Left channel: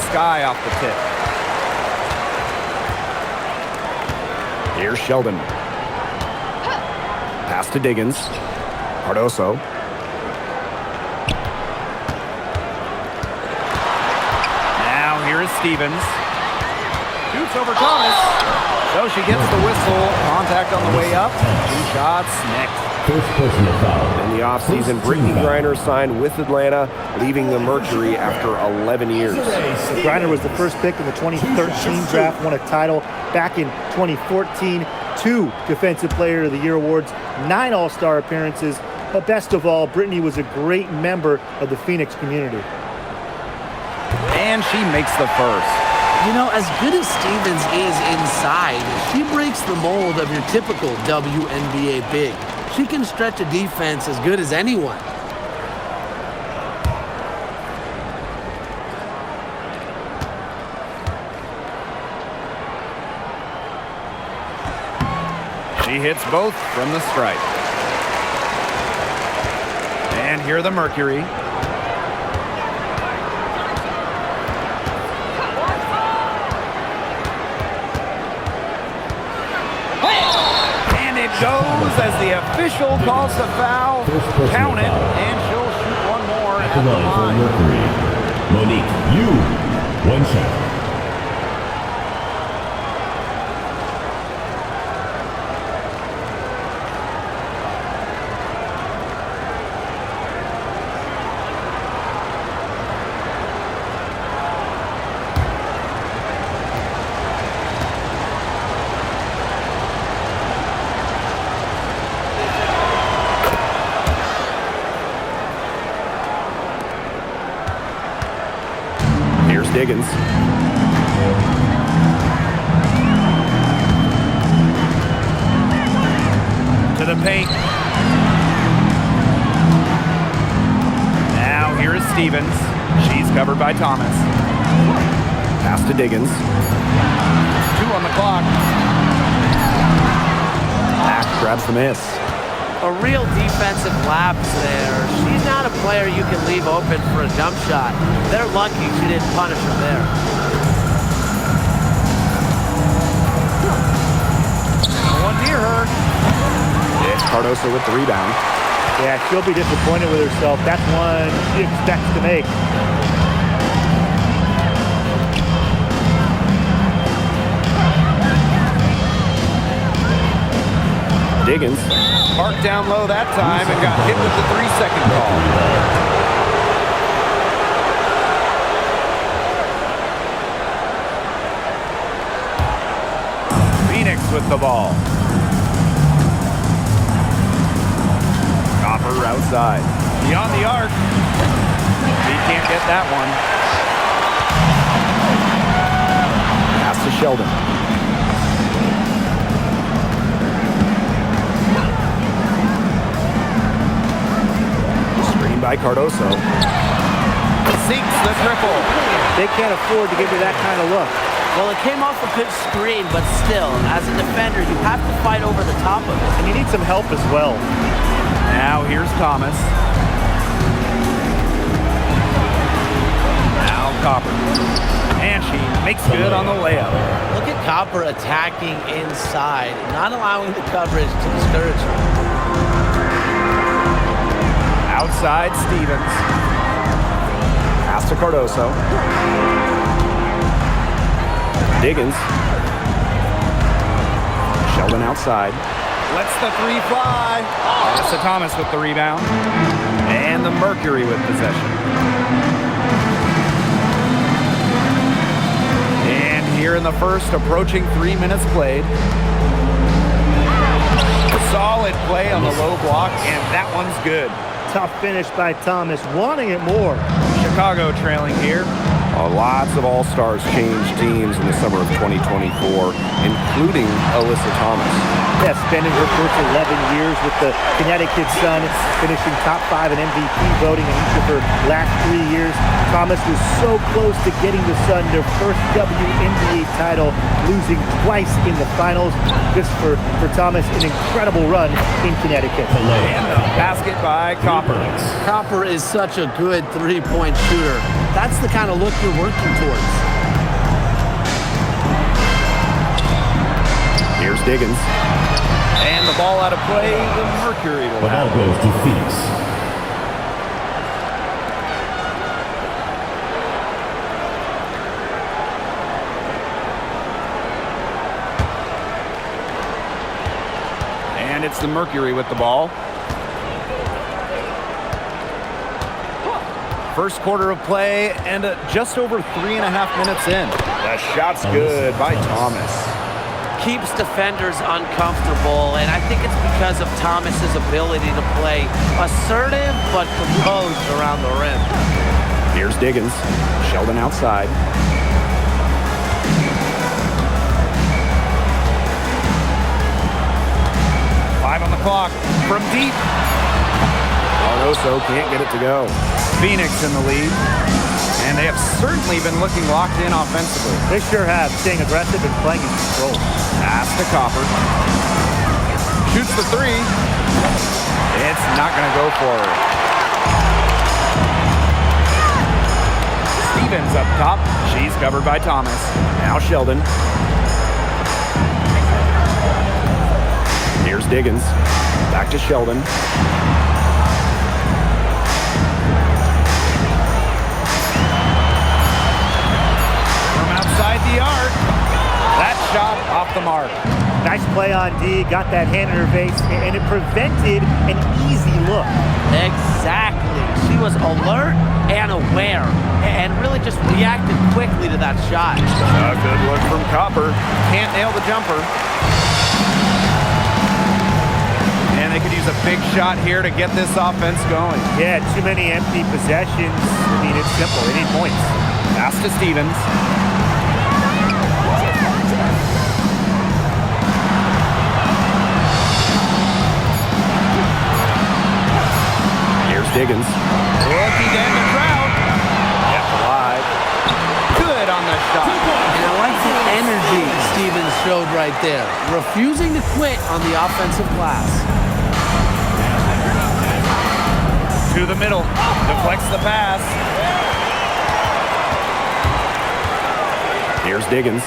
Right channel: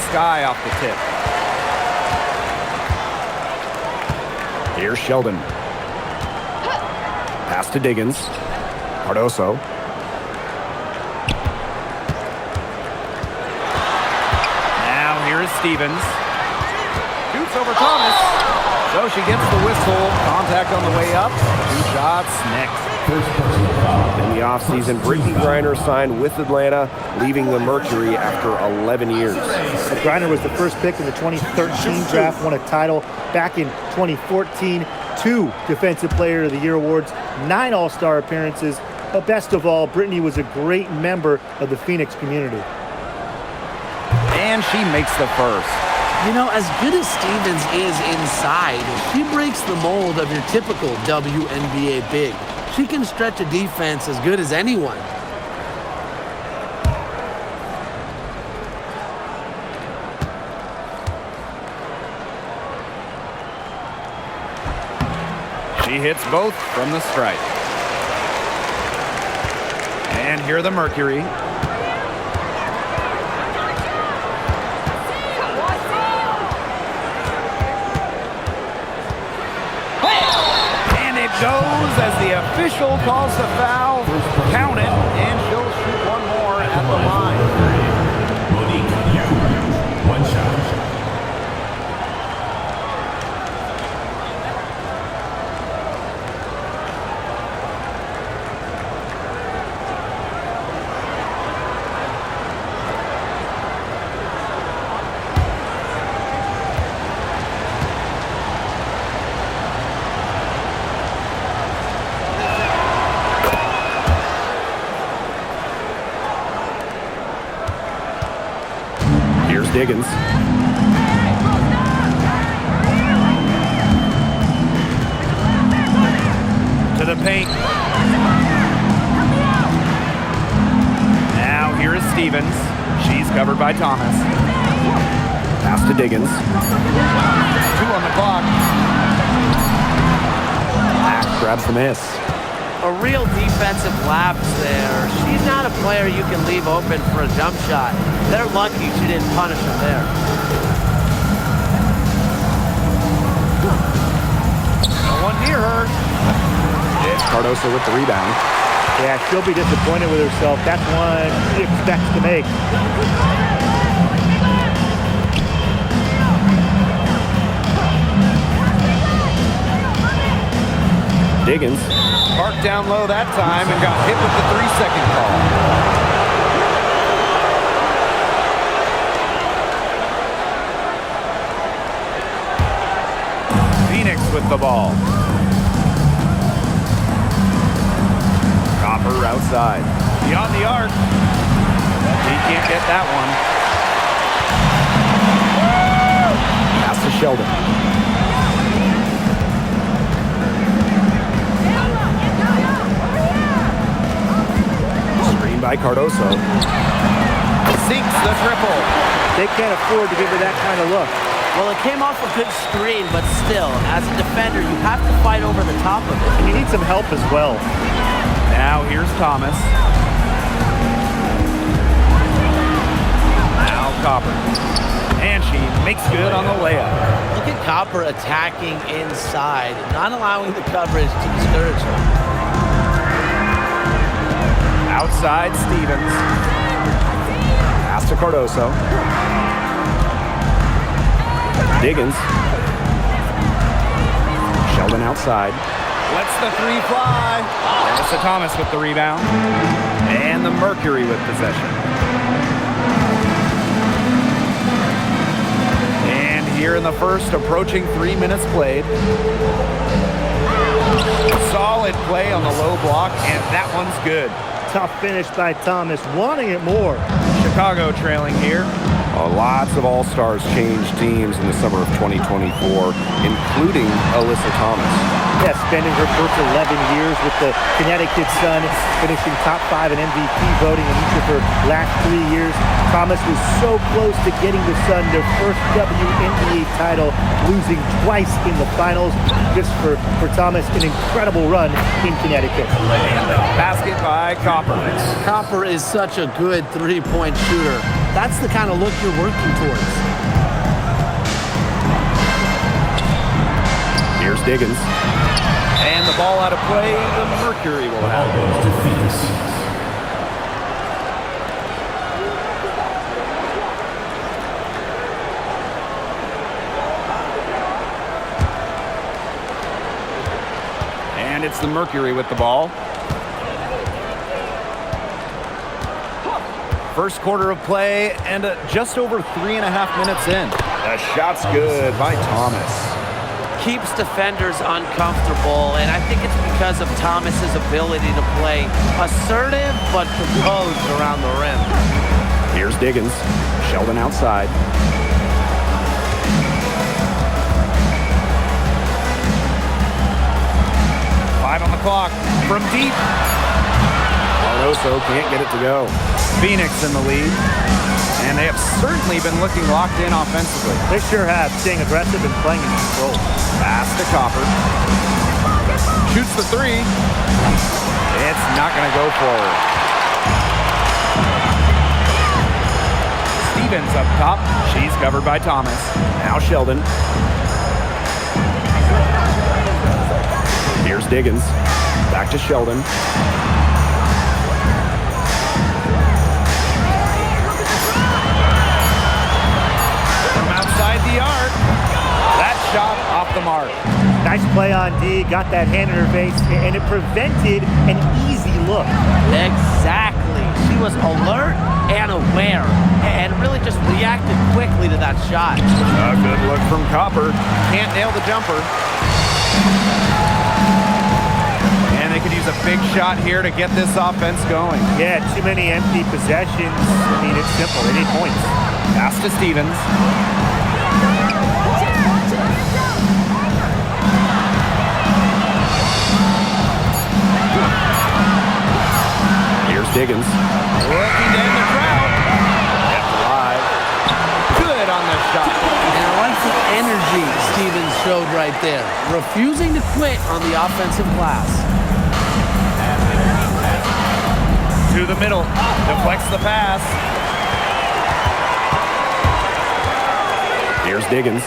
sky off the tip. Here's Sheldon. Pass to Diggins. Cardoso. Now here is Stevens. Shoots over Thomas. So she gets the whistle. Contact on the way up. 2 shots next. First personal foul. In the offseason, Brittany Griner signed with Atlanta, leaving the Mercury after 11 years. So Griner was the first pick in the 2013 draft, won a title back in 2014, 2 Defensive Player of the Year awards, 9 All-Star appearances, but best of all, Brittany was a great member of the Phoenix community. And she makes the first. You know, as good as Stevens is inside, she breaks the mold of your typical WNBA big. She can stretch a defense as good as anyone. She hits both from the stripe. And here the Mercury. And it goes as the official calls the foul. Count it, and she'll shoot one more at the line. Monique, you 1 shot. Here's Diggins. To the paint. Now here is Stevens. She's covered by Thomas. Pass to Diggins. 2 on the clock. Mack grabs the miss. A real defensive lapse there. She's not a player you can leave open for a jump shot. They're lucky she didn't punish him there. No one near her. It's Cardoso with the rebound. Yeah, she'll be disappointed with herself. That's one she expects to make. Diggins. Parked down low that time and got hit with the 3-second call. Phoenix with the ball. Copper outside. Beyond the arc. He can't get that one. Pass to Sheldon. Screen by Cardoso. Sinks the triple. They can't afford to give her that kind of look. Well, it came off a good screen, but still, as a defender, you have to fight over the top of it. And you need some help as well. Now here's Thomas. Now Copper. And she makes good on the layup. Look at Copper attacking inside, not allowing the coverage to discourage her. Outside Stevens. Pass to Cardoso. Diggins. Sheldon outside. Lets the 3 fly. Melissa Thomas with the rebound. And the Mercury with possession. And here in the first, approaching 3 minutes played. Solid play on the low block, and that one's good. Tough finish by Thomas, wanting it more. Chicago trailing here. Lots of All-Stars changed teams in the summer of 2024, including Alyssa Thomas. Yeah, spending her first 11 years with the Connecticut Sun, finishing top 5 in MVP voting in each of her last 3 years. Thomas was so close to getting the Sun their first WNBA title, losing twice in the finals. Just for Thomas, an incredible run in Connecticut. And the basket by Copper. Copper is such a good three-point shooter. That's the kind of look you're working towards. Here's Diggins. And the ball out of play, the Mercury will The have ball it. goes to Phoenix. And it's the Mercury with the ball. First quarter of play and just over 3.5 minutes in. The shot's good by Thomas. Keeps defenders uncomfortable, and I think it's because of Thomas's ability to play assertive but composed around the rim. Here's Diggins. Sheldon outside. Five on the clock from deep. Arnoso can't get it to go. Phoenix in the lead. And they have certainly been looking locked in offensively. They sure have, staying aggressive and playing in control. Pass to Copper. Shoots the three. It's not going to go for her. Stevens up top. She's covered by Thomas. Now Sheldon. Here's Diggins. Back to Sheldon. Outside the arc. That shot off the mark. Nice play on D, got that hand in her face, and it prevented an easy look. Exactly. She was alert and aware and really just reacted quickly to that shot. A good look from Copper. Can't nail the jumper. And they could use a big shot here to get this offense going. Yeah, too many empty possessions. I mean, it's simple. They need points. Pass to Stevens. Here's Diggins. Looking to end the drought. Kept alive. Good on the shot. And I like the energy Stevens showed right there, refusing to quit on the offensive glass. To the middle. Deflects the pass. Here's Diggins.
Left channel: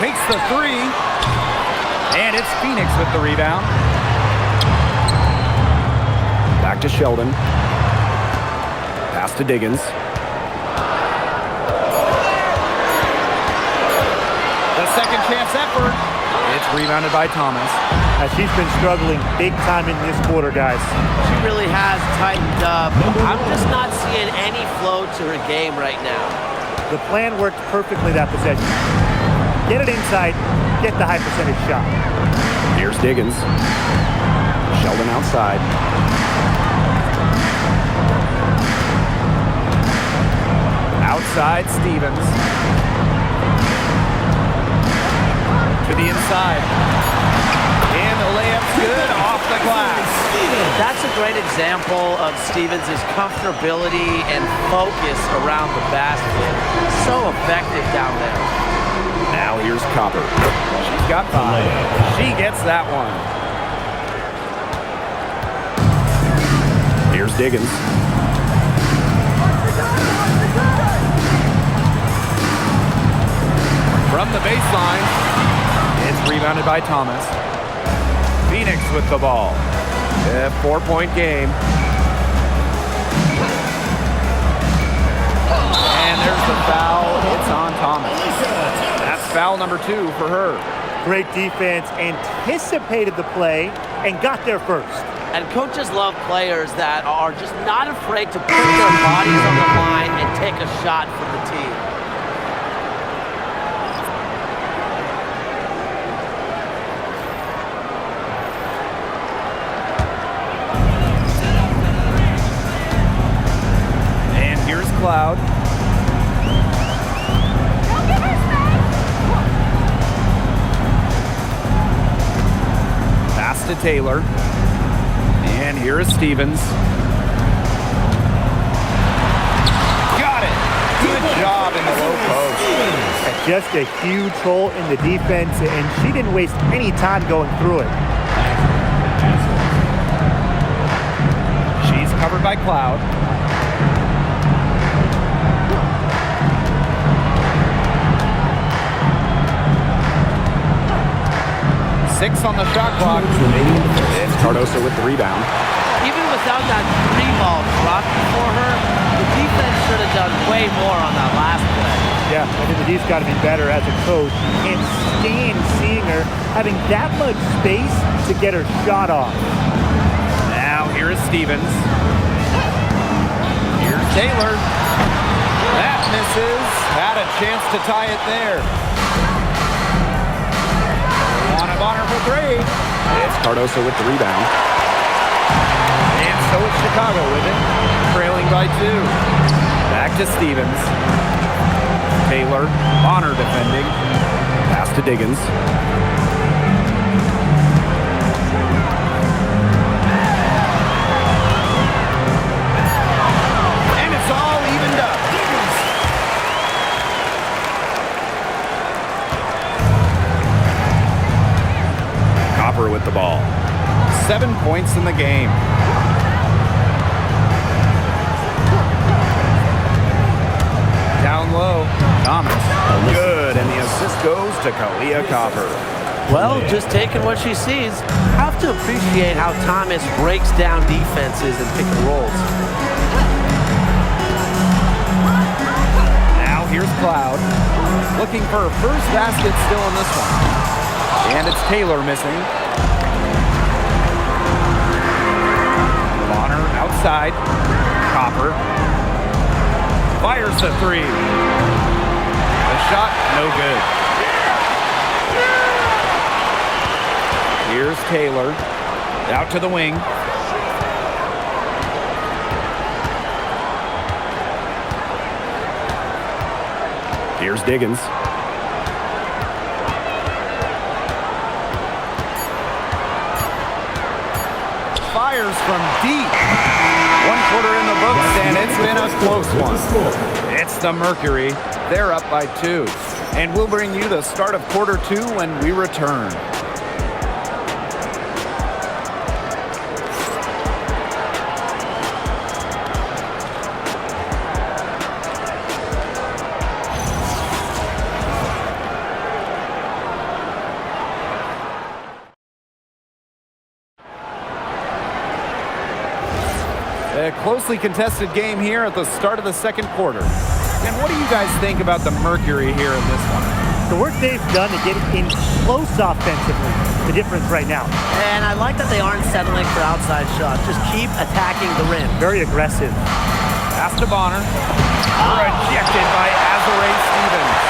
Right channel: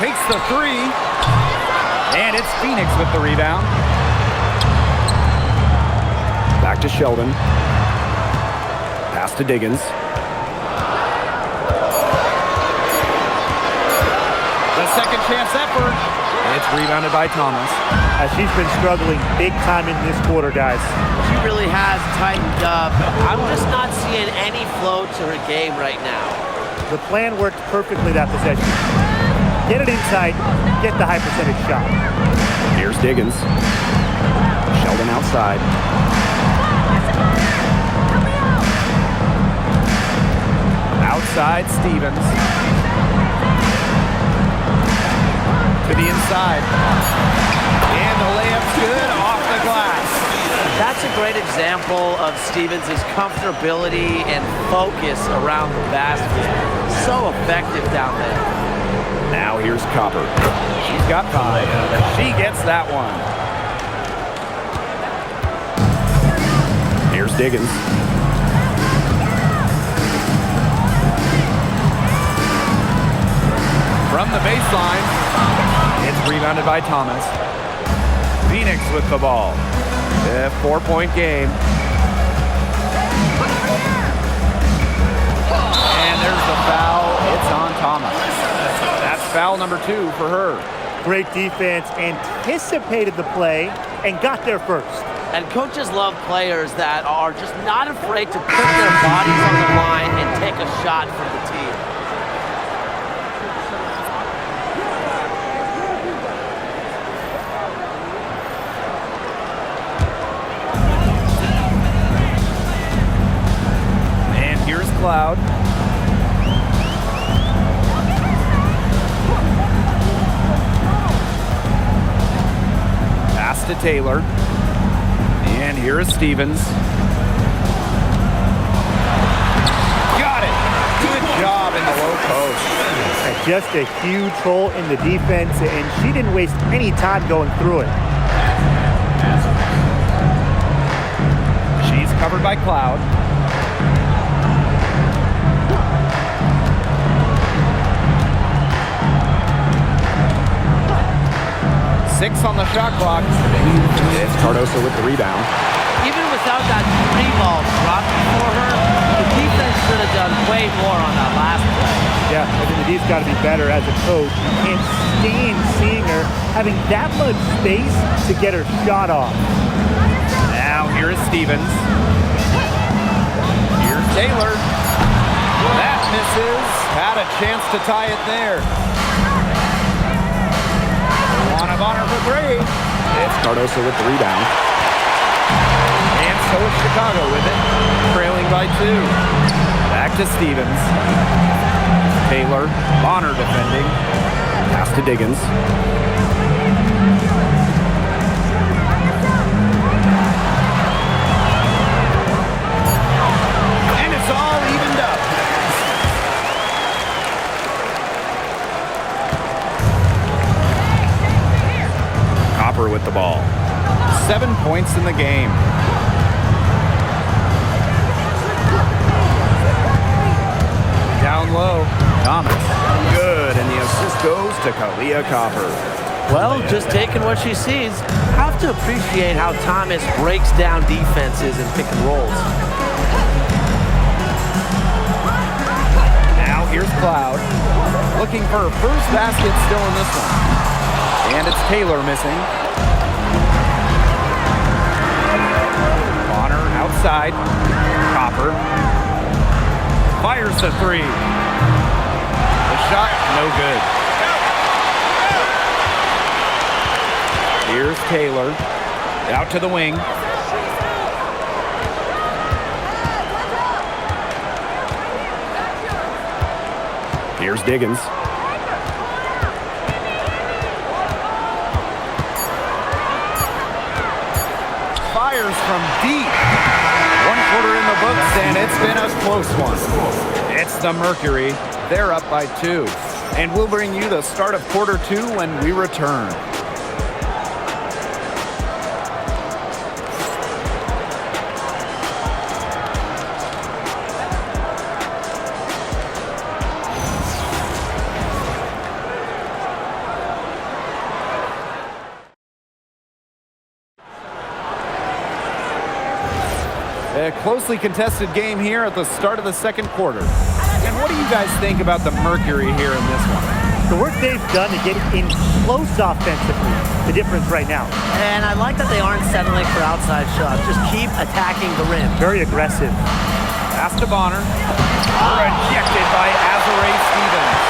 Takes the three. And it's Phoenix with the rebound. Back to Sheldon. Pass to Diggins. The second chance effort. It's rebounded by Thomas. She's been struggling big time in this quarter, guys. She really has tightened up. I'm just not seeing any flow to her game right now. The plan worked perfectly that possession. Get it inside, get the high percentage shot. Here's Diggins. Sheldon outside. Outside Stevens. To the inside. And the layup's good off the glass. That's a great example of Stevens' comfortability and focus around the basket. So effective down there. Now here's Copper. She's got 5. She gets that one. Here's Diggins. From the baseline, it's rebounded by Thomas. Phoenix with the ball. A 4-point game. And there's the foul. It's on Thomas. That's foul number 2 for her. Great defense, anticipated the play, and got there first. And coaches love players that are just not afraid to put their bodies on the line and take a shot for the team. And here's Cloud. to Taylor. And here is Stevens. Got it. Good job in the low post. And just a huge hole in the defense, and she didn't waste any time going through it. She's covered by Cloud. Six on the shot clock. It's Cardoso with the rebound. Even without that 3-ball dropped before her, the defense should have done way more on that last play. Yeah, I think the D's got to be better as a coach. You can't stand seeing her having that much space to get her shot off. Now here is Stevens. Here's Taylor. That misses. Had a chance to tie it there. One of honor for three. It's Cardoso with the rebound. And so it's Chicago with it, trailing by 2. Back to Stevens. Taylor, Bonner defending. Pass to Diggins. And it's all evened up. Copper with the ball. 7 points in the game. Down low, Thomas. Good, and the assist goes to Kalia Copper. Well, just taking what she sees. Have to appreciate how Thomas breaks down defenses and pick and rolls. Now here's Cloud. Looking for her first basket still in this one. And it's Taylor missing. Bonner outside. Copper fires the 3. The shot, no good. Here's Taylor. Out to the wing. Here's Diggins. Fires from deep. 1/4 in the books, and it's been a close one. It's the Mercury. They're up by 2. And we'll bring you the start of quarter 2 when we return. A closely contested game here at the start of the second quarter. And what do you guys think about the Mercury here in this one? The work they've done to get in close offensively, the difference right now. And I like that they aren't settling for outside shots. Just keep attacking the rim. Very aggressive. Pass to Bonner. Rejected by Azuré Stevens.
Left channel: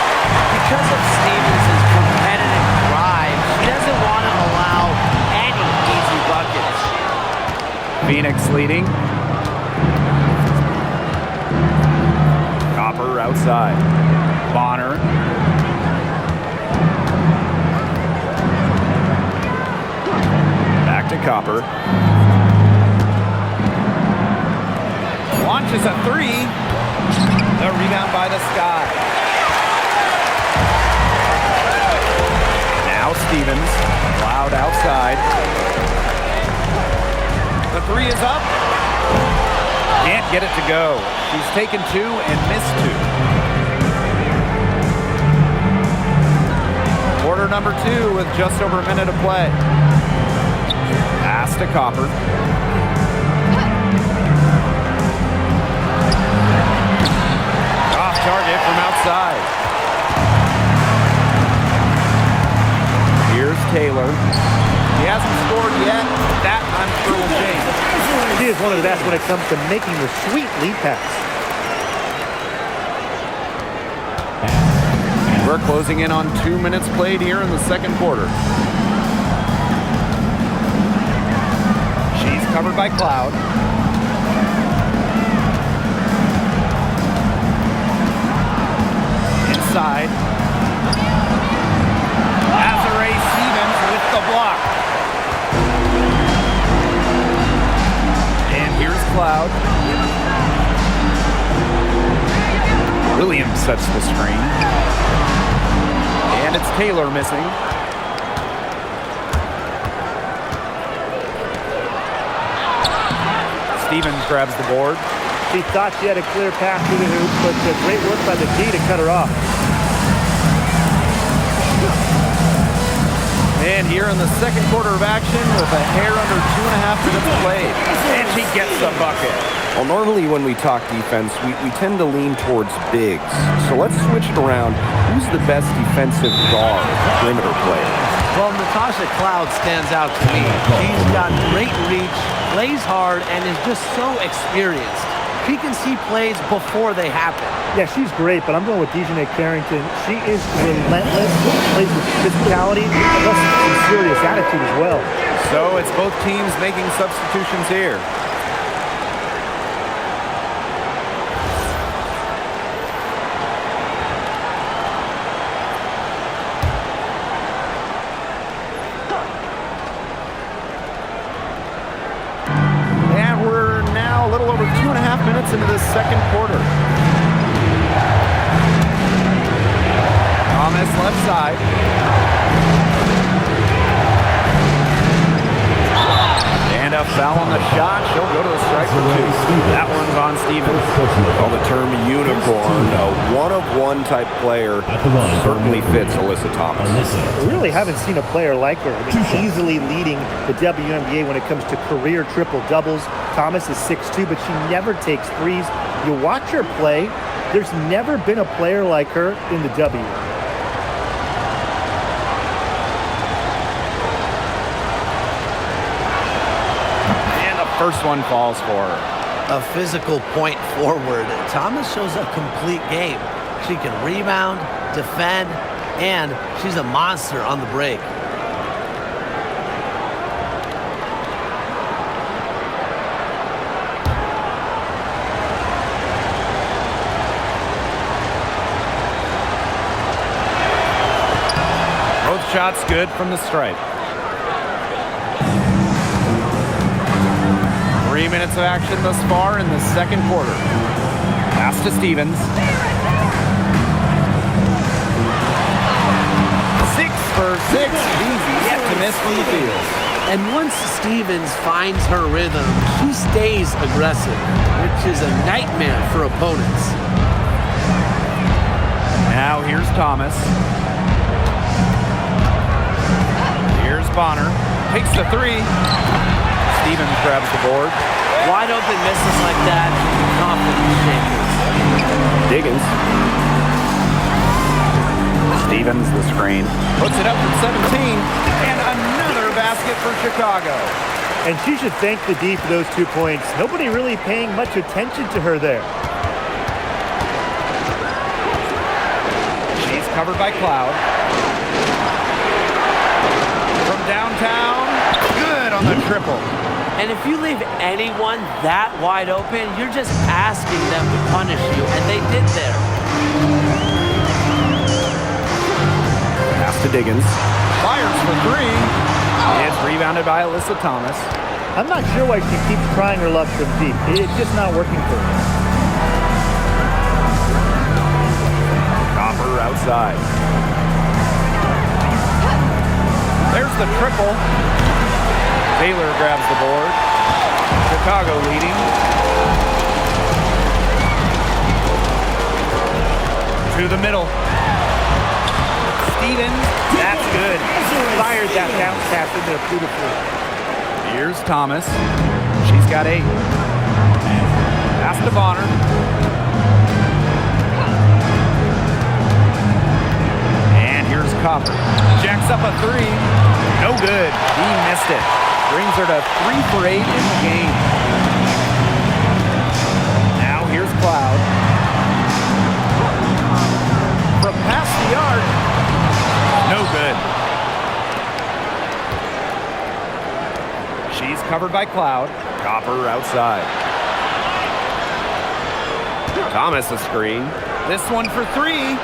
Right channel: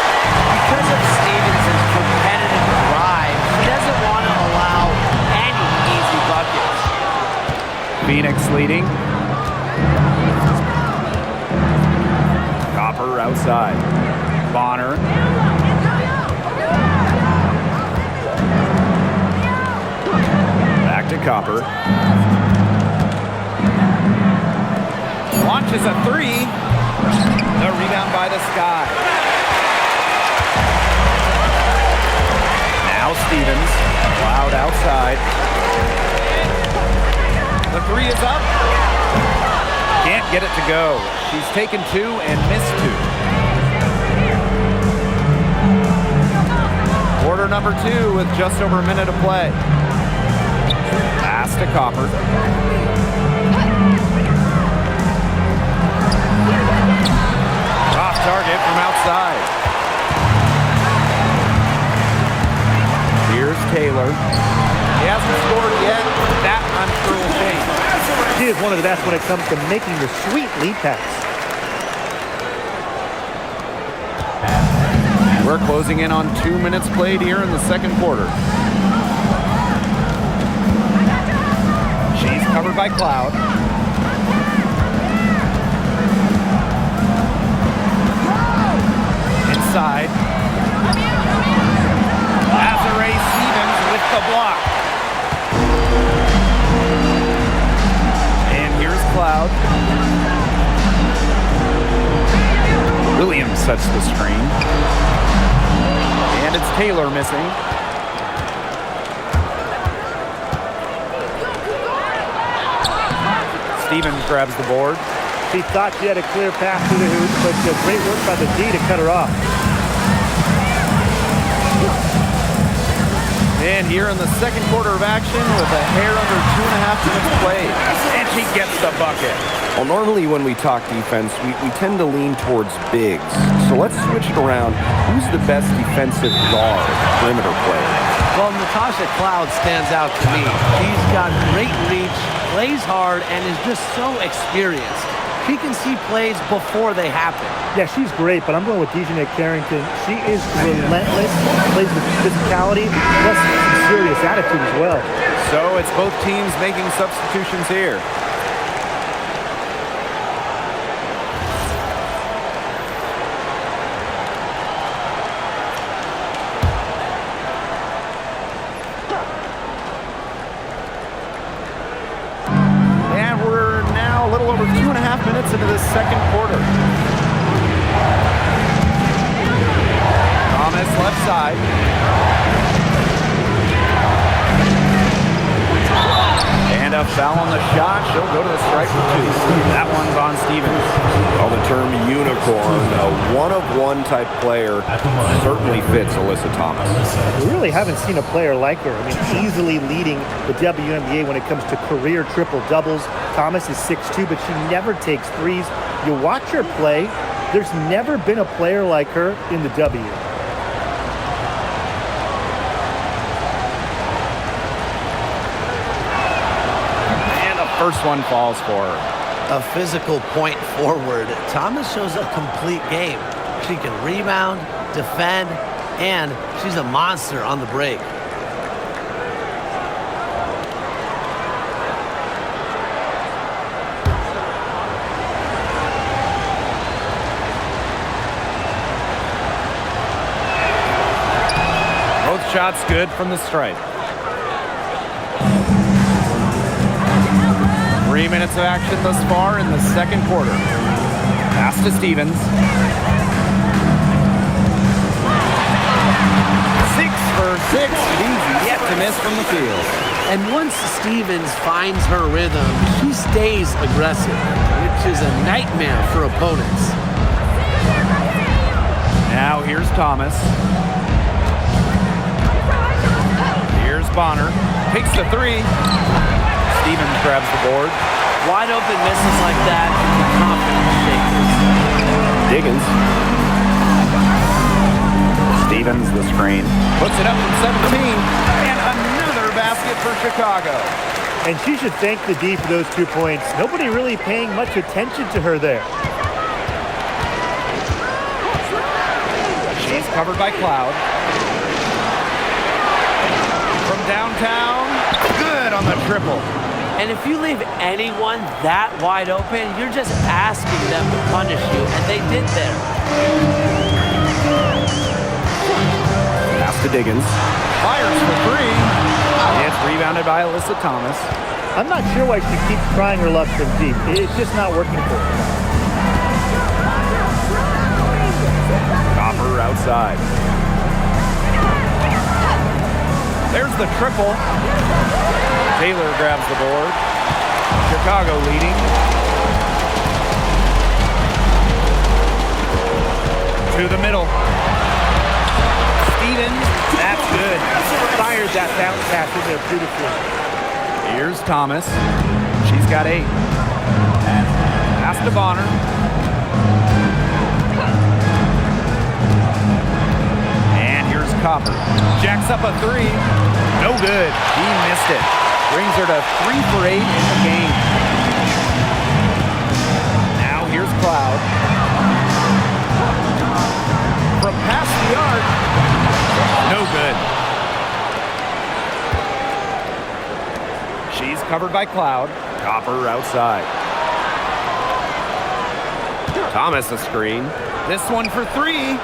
Because of Stevens' competitive drive, she doesn't want to allow any easy buckets. Phoenix leading. Copper outside. Bonner. Back to Copper. Launches a 3. The rebound by the Sky. Now Stevens. Cloud outside. The 3 is up. Can't get it to go. She's taken 2 and missed 2. Quarter number 2 with just over a minute to play. Pass to Copper. Off target from outside. Here's Taylor. He hasn't scored yet. That, I'm sure, will change. She is one of the best when it comes to making the sweet lead pass. We're closing in on 2 minutes played here in the second quarter. She's covered by Cloud. Inside. Azuré Stevens with the block. Here's Cloud. Williams sets the screen. And it's Taylor missing. Stevens grabs the board. She thought she had a clear path to the hoop, but great work by the D to cut her off. And here in the second quarter of action with a hair under 2.5 minutes played. And she gets the bucket. Well, normally when we talk defense, we tend to lean towards bigs. So let's switch it around. Who's the best defensive guard, perimeter player? Well, Natasha Cloud stands out to me. She's got great reach, plays hard, and is just so experienced. She can see plays before they happen. Yeah, she's great, but I'm going with Dejanay Carrington. She is relentless, plays with physicality, plus some serious attitude as well. So it's both teams making substitutions here. And we're now a little over 2.5 minutes into this second quarter. Thomas left side. And a foul on the shot. She'll go to the strike for 2. That one's on Stevens. Well, the term unicorn, a one-of-one type player, certainly fits Alyssa Thomas. We really haven't seen a player like her. I mean, easily leading the WNBA when it comes to career triple-doubles. Thomas is 6'2", but she never takes threes. You watch her play, there's never been a player like her in the W. First one falls for her. A physical point forward, Thomas shows a complete game. She can rebound, defend, and she's a monster on the break. Both shots good from the stripe. 3 minutes of action thus far in the second quarter. Pass to Stevens. 6 for 6. She's yet to miss from the field. And once Stevens finds her rhythm, she stays aggressive, which is a nightmare for opponents. Now here's Thomas. Here's Bonner. Takes the 3. Stevens grabs the board. Wide open misses like that can be confidence shakers. Diggins. Stevens the screen. Puts it up from 17. And another basket for Chicago. And she should thank the D for those 2 points. Nobody really paying much attention to her there. She's covered by Cloud. From downtown. Good on the triple. And if you leave anyone that wide open, you're just asking them to punish you, and they did there. Pass to Diggins. Fires for 3. It's rebounded by Alyssa Thomas. I'm not sure why she keeps trying her luck from deep. It's just not working for her. Copper outside. There's the triple. Taylor grabs the board. Chicago leading. To the middle. Stevens, that's good. Fired that bounce pass in there beautifully. Here's Thomas. She's got 8. Pass to Bonner. And here's Copper. Jacks up a 3. No good. He missed it. Brings her to 3 for 8 in the game. Now here's Cloud. From past the arc. No good. She's covered by Cloud. Copper outside. Thomas a screen. This one for 3.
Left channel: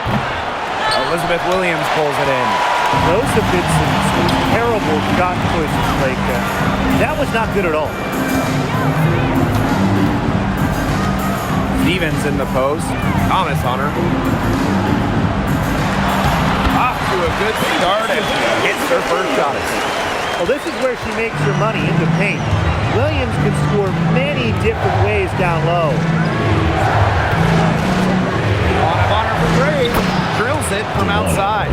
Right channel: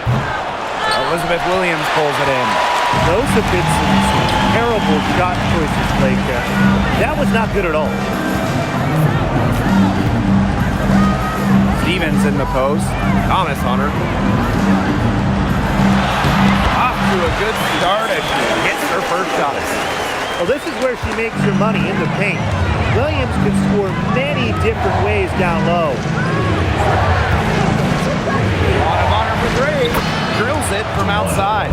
Elizabeth Williams pulls it in. Those have been some terrible shot choices, Blake. That was not good at all. Stevens in the post. Thomas on her. Off to a good start as she hits her first shot attempt. Well, this is where she makes her money, in the paint. Williams can score many different ways down low. Bonner for three. Drills it from outside.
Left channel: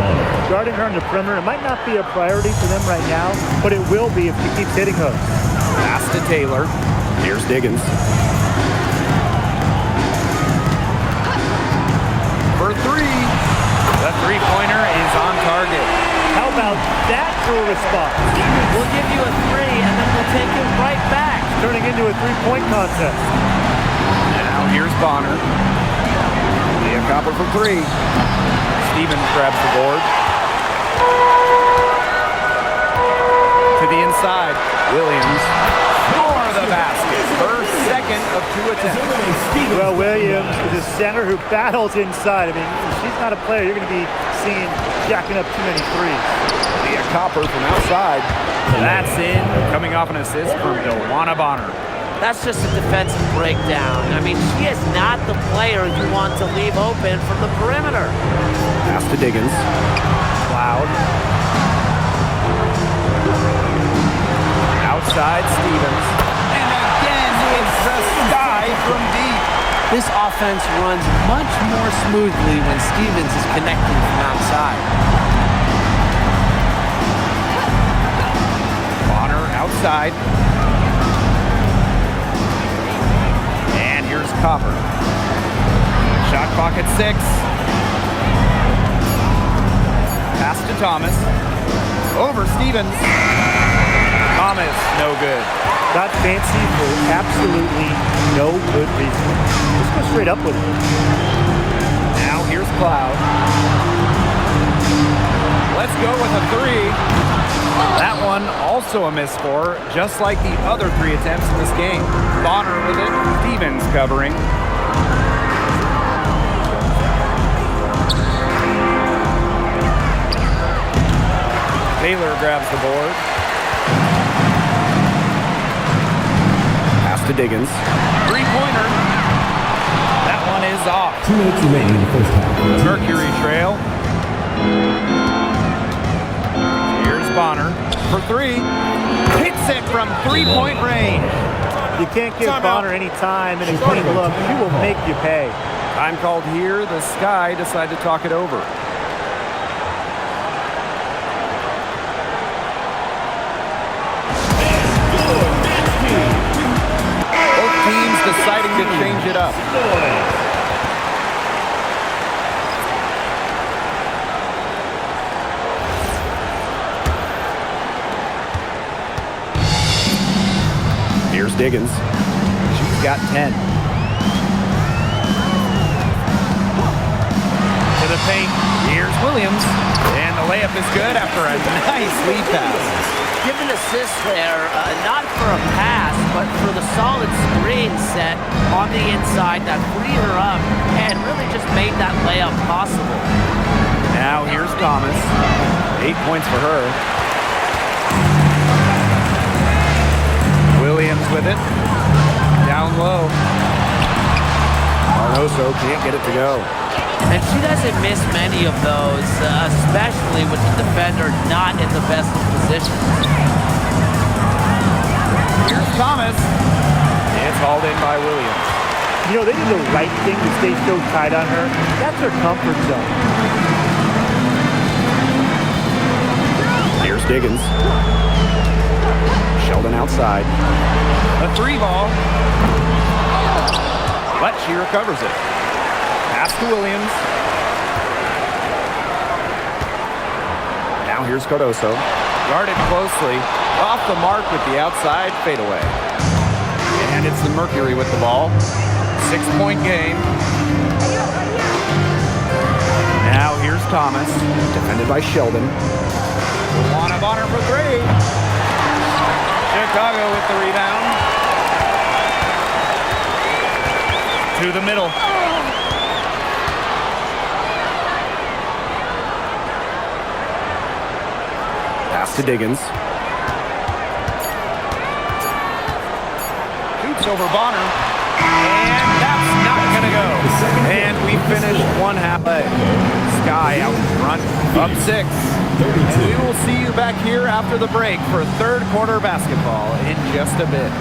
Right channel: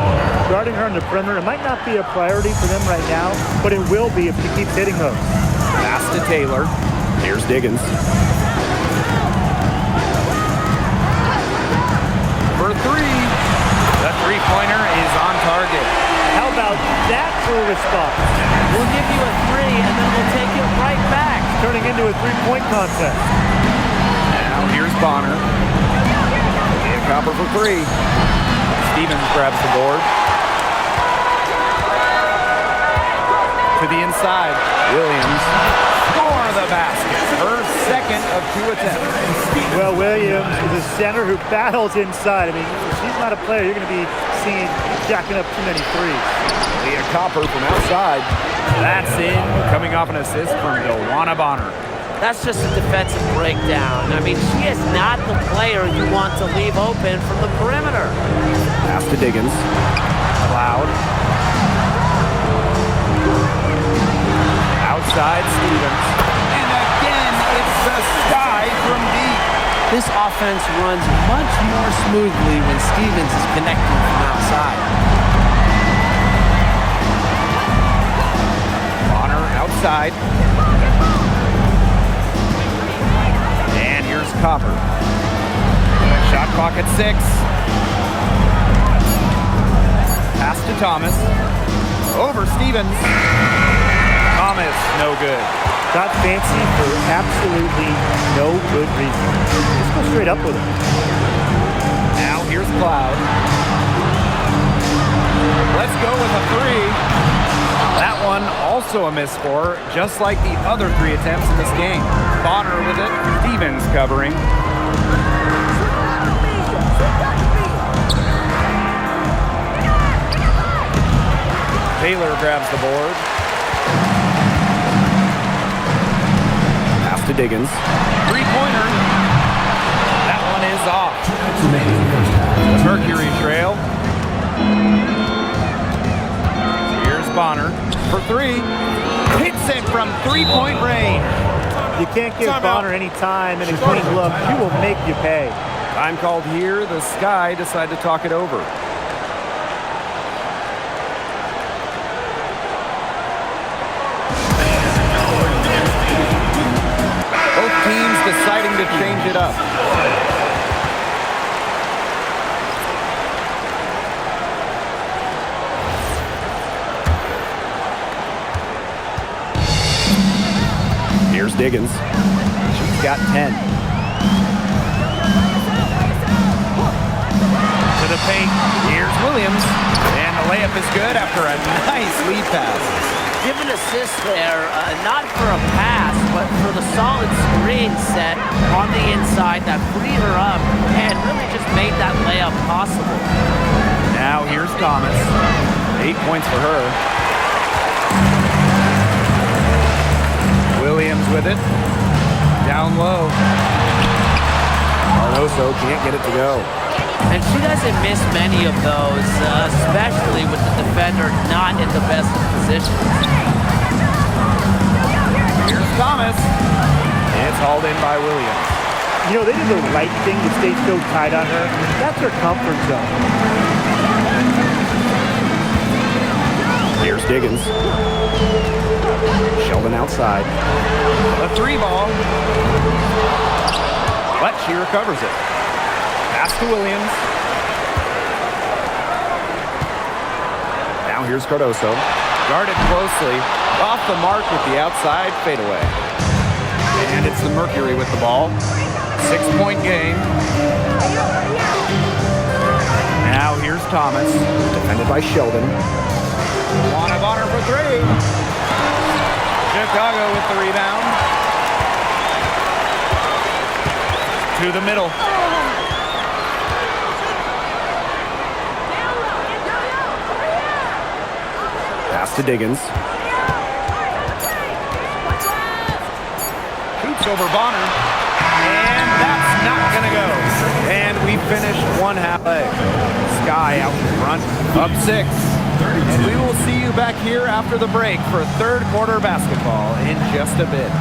Guarding her on the perimeter, it might not be a priority for them right now, but it will be if she keeps hitting those. Pass to Taylor. Here's Diggins. For three. The three-pointer is on target. How about that for a response? We'll give you a three, and then we'll take it right back. Turning into a three-point contest. Now here's Bonner. Leah Copper for three. Stevens grabs the board. To the inside. Williams. Score the basket. Her second of two attempts. Well, Williams is a center who battles inside. I mean, if she's not a player you're going to be seeing jacking up too many threes. Leah Copper from outside. That's in, coming off an assist from DeWanna Bonner. That's just a defensive breakdown. I mean, she is not the player you want to leave open from the perimeter. Pass to Diggins. Cloud. Outside Stevens. And again, it's the sky from deep. This offense runs much more smoothly when Stevens is connecting from outside. Bonner outside. And here's Copper. Shot clock at 6. Pass to Thomas. Over Stevens. Thomas, no good. Got fancy for absolutely no good reason. Just go straight up with it. Now here's Cloud. Let's go with a three. That one also a miss for her, just like the other three attempts in this game. Bonner with it. Stevens covering. Taylor grabs the board. Pass to Diggins. Three-pointer. That one is off. 2 minutes remaining in the first half. The Mercury trail. Here's Bonner for three. Hits it from three-point range. You can't give Bonner any time and a clean look. She will make you pay. Time called here. The Sky decide to talk it over. Both teams deciding to change it up. Here's Diggins. She's got 10. To the paint. Here's Williams. And the layup is good after a nice lead pass. Give an assist there, not for a pass, but for the solid screen set on the inside that freed her up and really just made that layup possible. Now here's Thomas. 8 points for her. Williams with it. Down low. Arnoso can't get it to go. And she doesn't miss many of those, especially with the defender not in the best of positions. Here's Thomas. It's hauled in by Williams. You know, they did the right thing to stay so tight on her. That's her comfort zone. Here's Diggins. Sheldon outside. The three ball. But she recovers it. Pass to Williams. Now here's Cardoso. Guarded closely. Off the mark with the outside fadeaway. And it's the Mercury with the ball. 6-point game. Now here's Thomas. Defended by Sheldon. DeWanna Bonner for three. Chicago with the rebound. To the middle. Pass to Diggins. Shoots over Bonner. And that's not going to go. And we finished one half play. Sky out in front, up 6. And we will see you back here after the break for third quarter basketball in just a bit.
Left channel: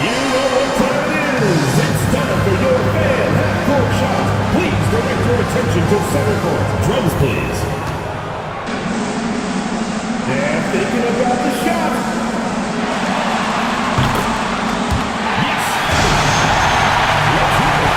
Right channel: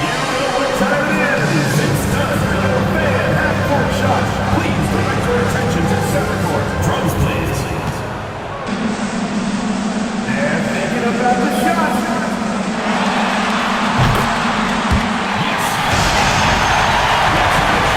You know what time it is. It's time for your fan half-court shot. Please direct your attention to center court. Drums, please. They're thinking about the shot. Yes. Let's have it.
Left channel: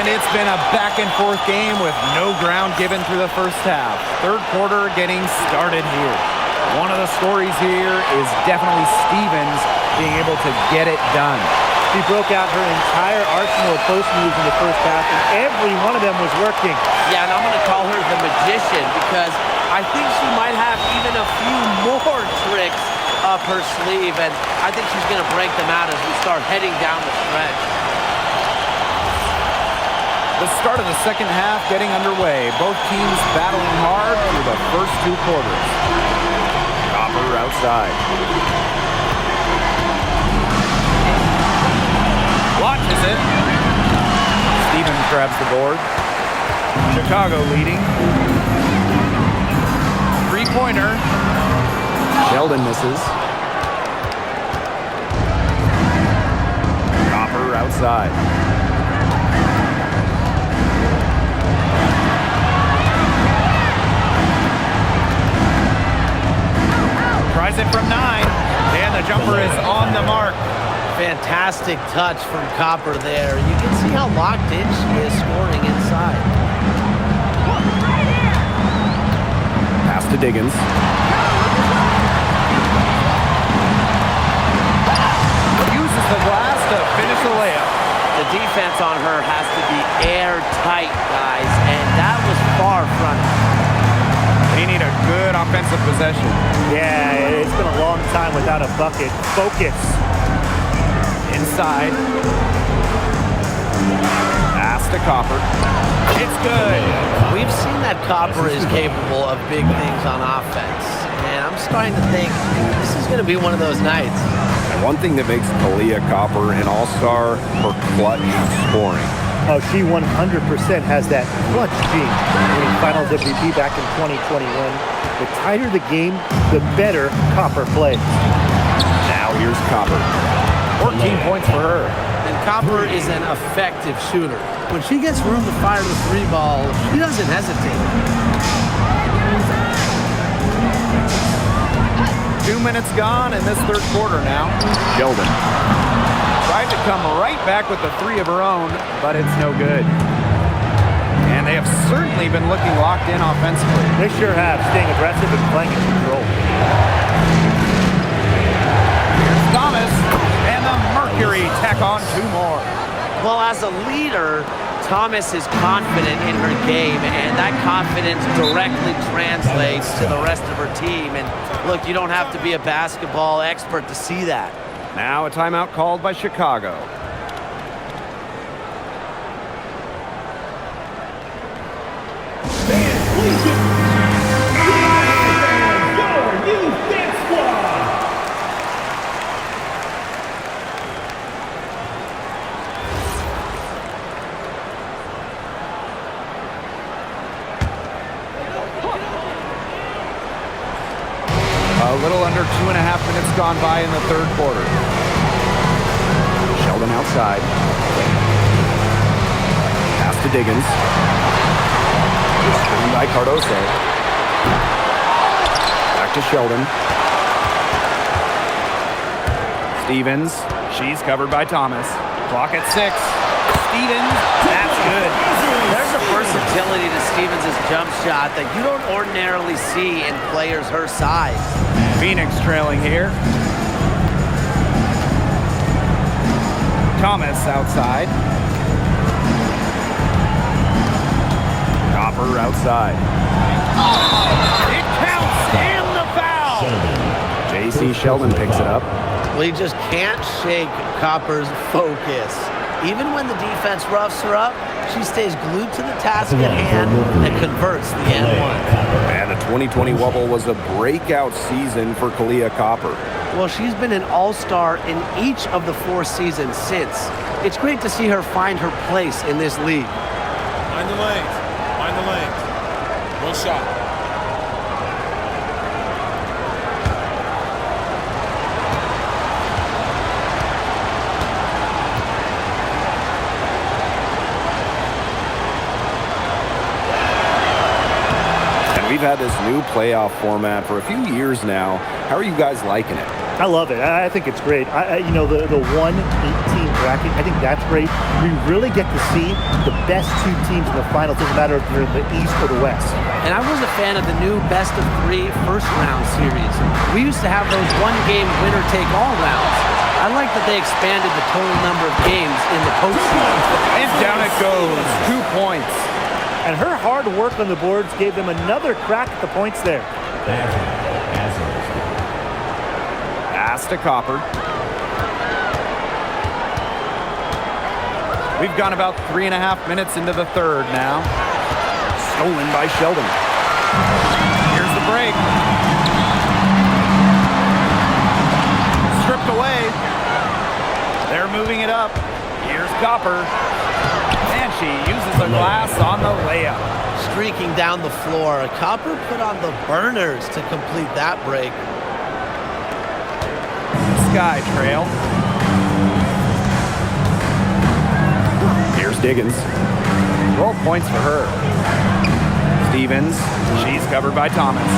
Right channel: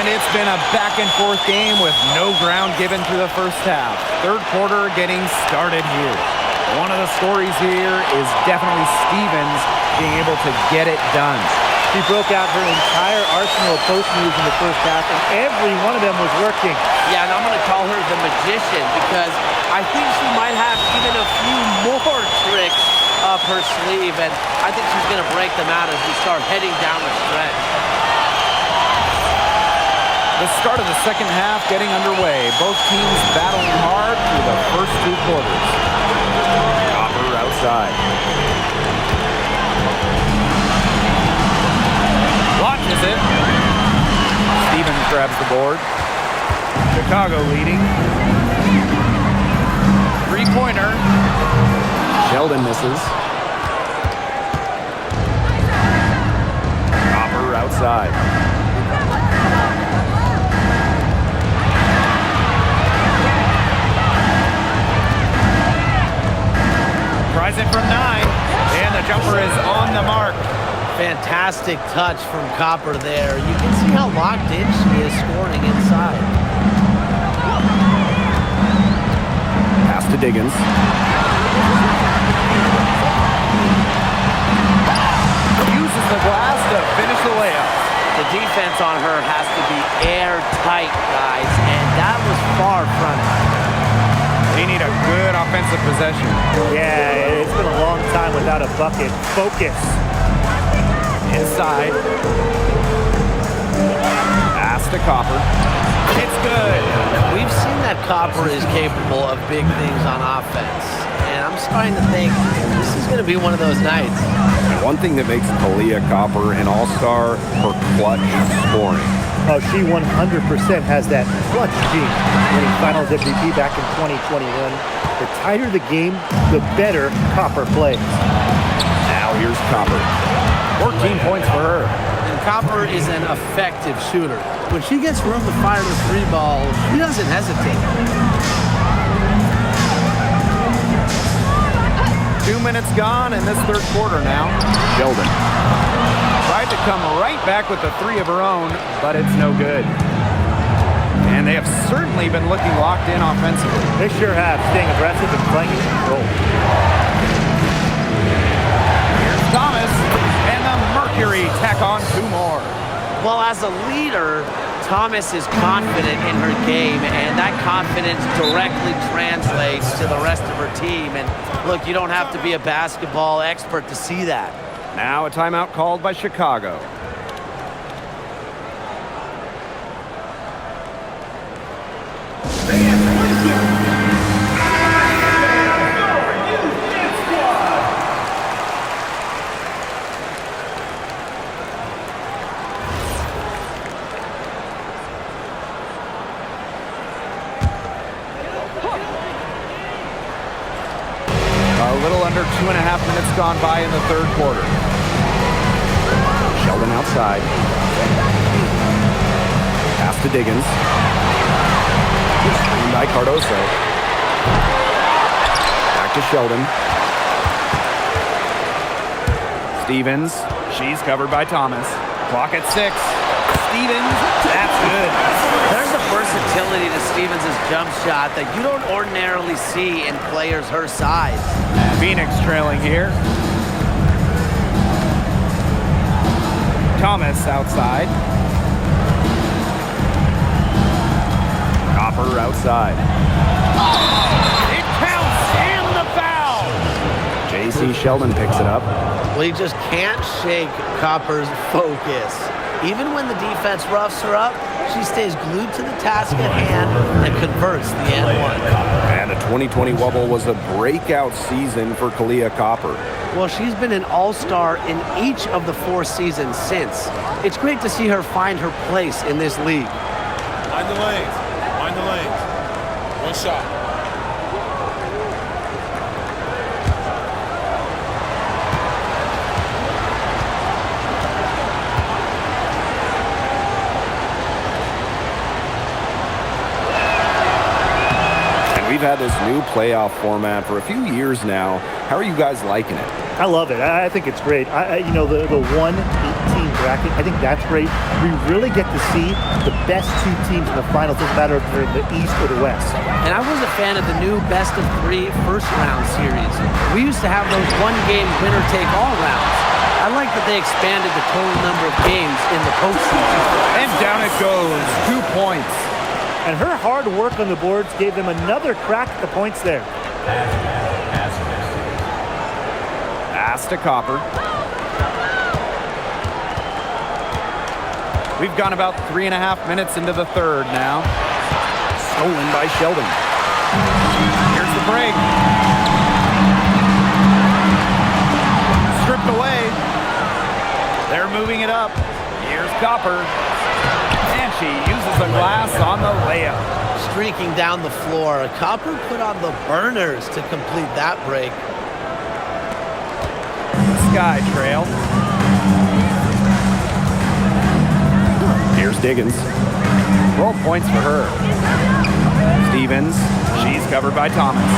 And it's been a back-and-forth game with no ground given through the first half. Third quarter getting started here. One of the stories here is definitely Stevens being able to get it done. She broke out her entire arsenal of post moves in the first half, and every one of them was working. Yeah, and I'm going to call her the magician because I think she might have even a few more tricks up her sleeve, and I think she's going to break them out as we start heading down the stretch. The start of the second half getting underway. Both teams battling hard through the first 2 quarters. Copper outside. Launches it. Stevens grabs the board. Chicago leading. 3-pointer. Sheldon misses. Copper outside. Tries it from 9, and the jumper is on the mark. Fantastic touch from Copper there. You can see how locked in she is scoring inside. Pass to Diggins. Uses the glass to finish the layup. The defense on her has to be airtight, guys, and that was far from it. They need a good offensive possession. Yeah, it's been a long time without a bucket. Focus. Inside. Pass to Copper. It's good. We've seen that Copper is capable of big things on offense, and I'm starting to think this is going to be one of those nights. And one thing that makes Kalia Copper an all-star, her clutch scoring. Oh, she 100% has that clutch gene. Winning Finals MVP back in 2021. The tighter the game, the better Copper plays. Now here's Copper. 14 points for her. And Copper is an effective shooter. When she gets room to fire the 3 ball, she doesn't hesitate. 2 minutes gone in this third quarter now. Sheldon. Tried to come right back with the 3 of her own, but it's no good. And they have certainly been looking locked in offensively. They sure have, staying aggressive and playing in control. Here's Thomas, and the Mercury tack on 2 more. Well, as a leader, Thomas is confident in her game, and that confidence directly translates to the rest of her team. And look, you don't have to be a basketball expert to see that. Now a timeout called by Chicago. A little under 2.5 minutes gone by in the third quarter. Sheldon outside. Pass to Diggins. Screen by Cardoso. Back to Sheldon. Stevens, she's covered by Thomas. Clock at 6. Stevens, that's good. There's a versatility to Stevens' jump shot that you don't ordinarily see in players her size. Phoenix trailing here. Thomas outside. Copper outside. It counts and the foul. J.C. Sheldon picks it up. Well, you just can't shake Copper's focus. Even when the defense roughs her up, she stays glued to the task at hand and converts the and one. And the 2020 Wubble was a breakout season for Kalia Copper. Well, she's been an all-star in each of the 4 seasons since. It's great to see her find her place in this league. Mind the lanes. Mind the lanes. One shot. We've had this new playoff format for a few years now. How are you guys liking it? I love it. I think it's great. You know, the 1-18 bracket, I think that's great. We really get to see the best 2 teams in the final. It doesn't matter if they're in the East or the West. And I was a fan of the new best-of-3 first-round series. We used to have those one-game winner-take-all rounds. I like that they expanded the total number of games in the postseason. And down it goes. 2 points. And her hard work on the boards gave them another crack at the points there. Pass to Copper. We've gone about 3.5 minutes into the third now. Stolen by Sheldon. Here's the break. Stripped away. They're moving it up. Here's Copper. And she uses the glass on the layup. Streaking down the floor, Copper put on the burners to complete that break. Sky trail. Here's Diggins. 12 points for her. Stevens, she's covered by Thomas.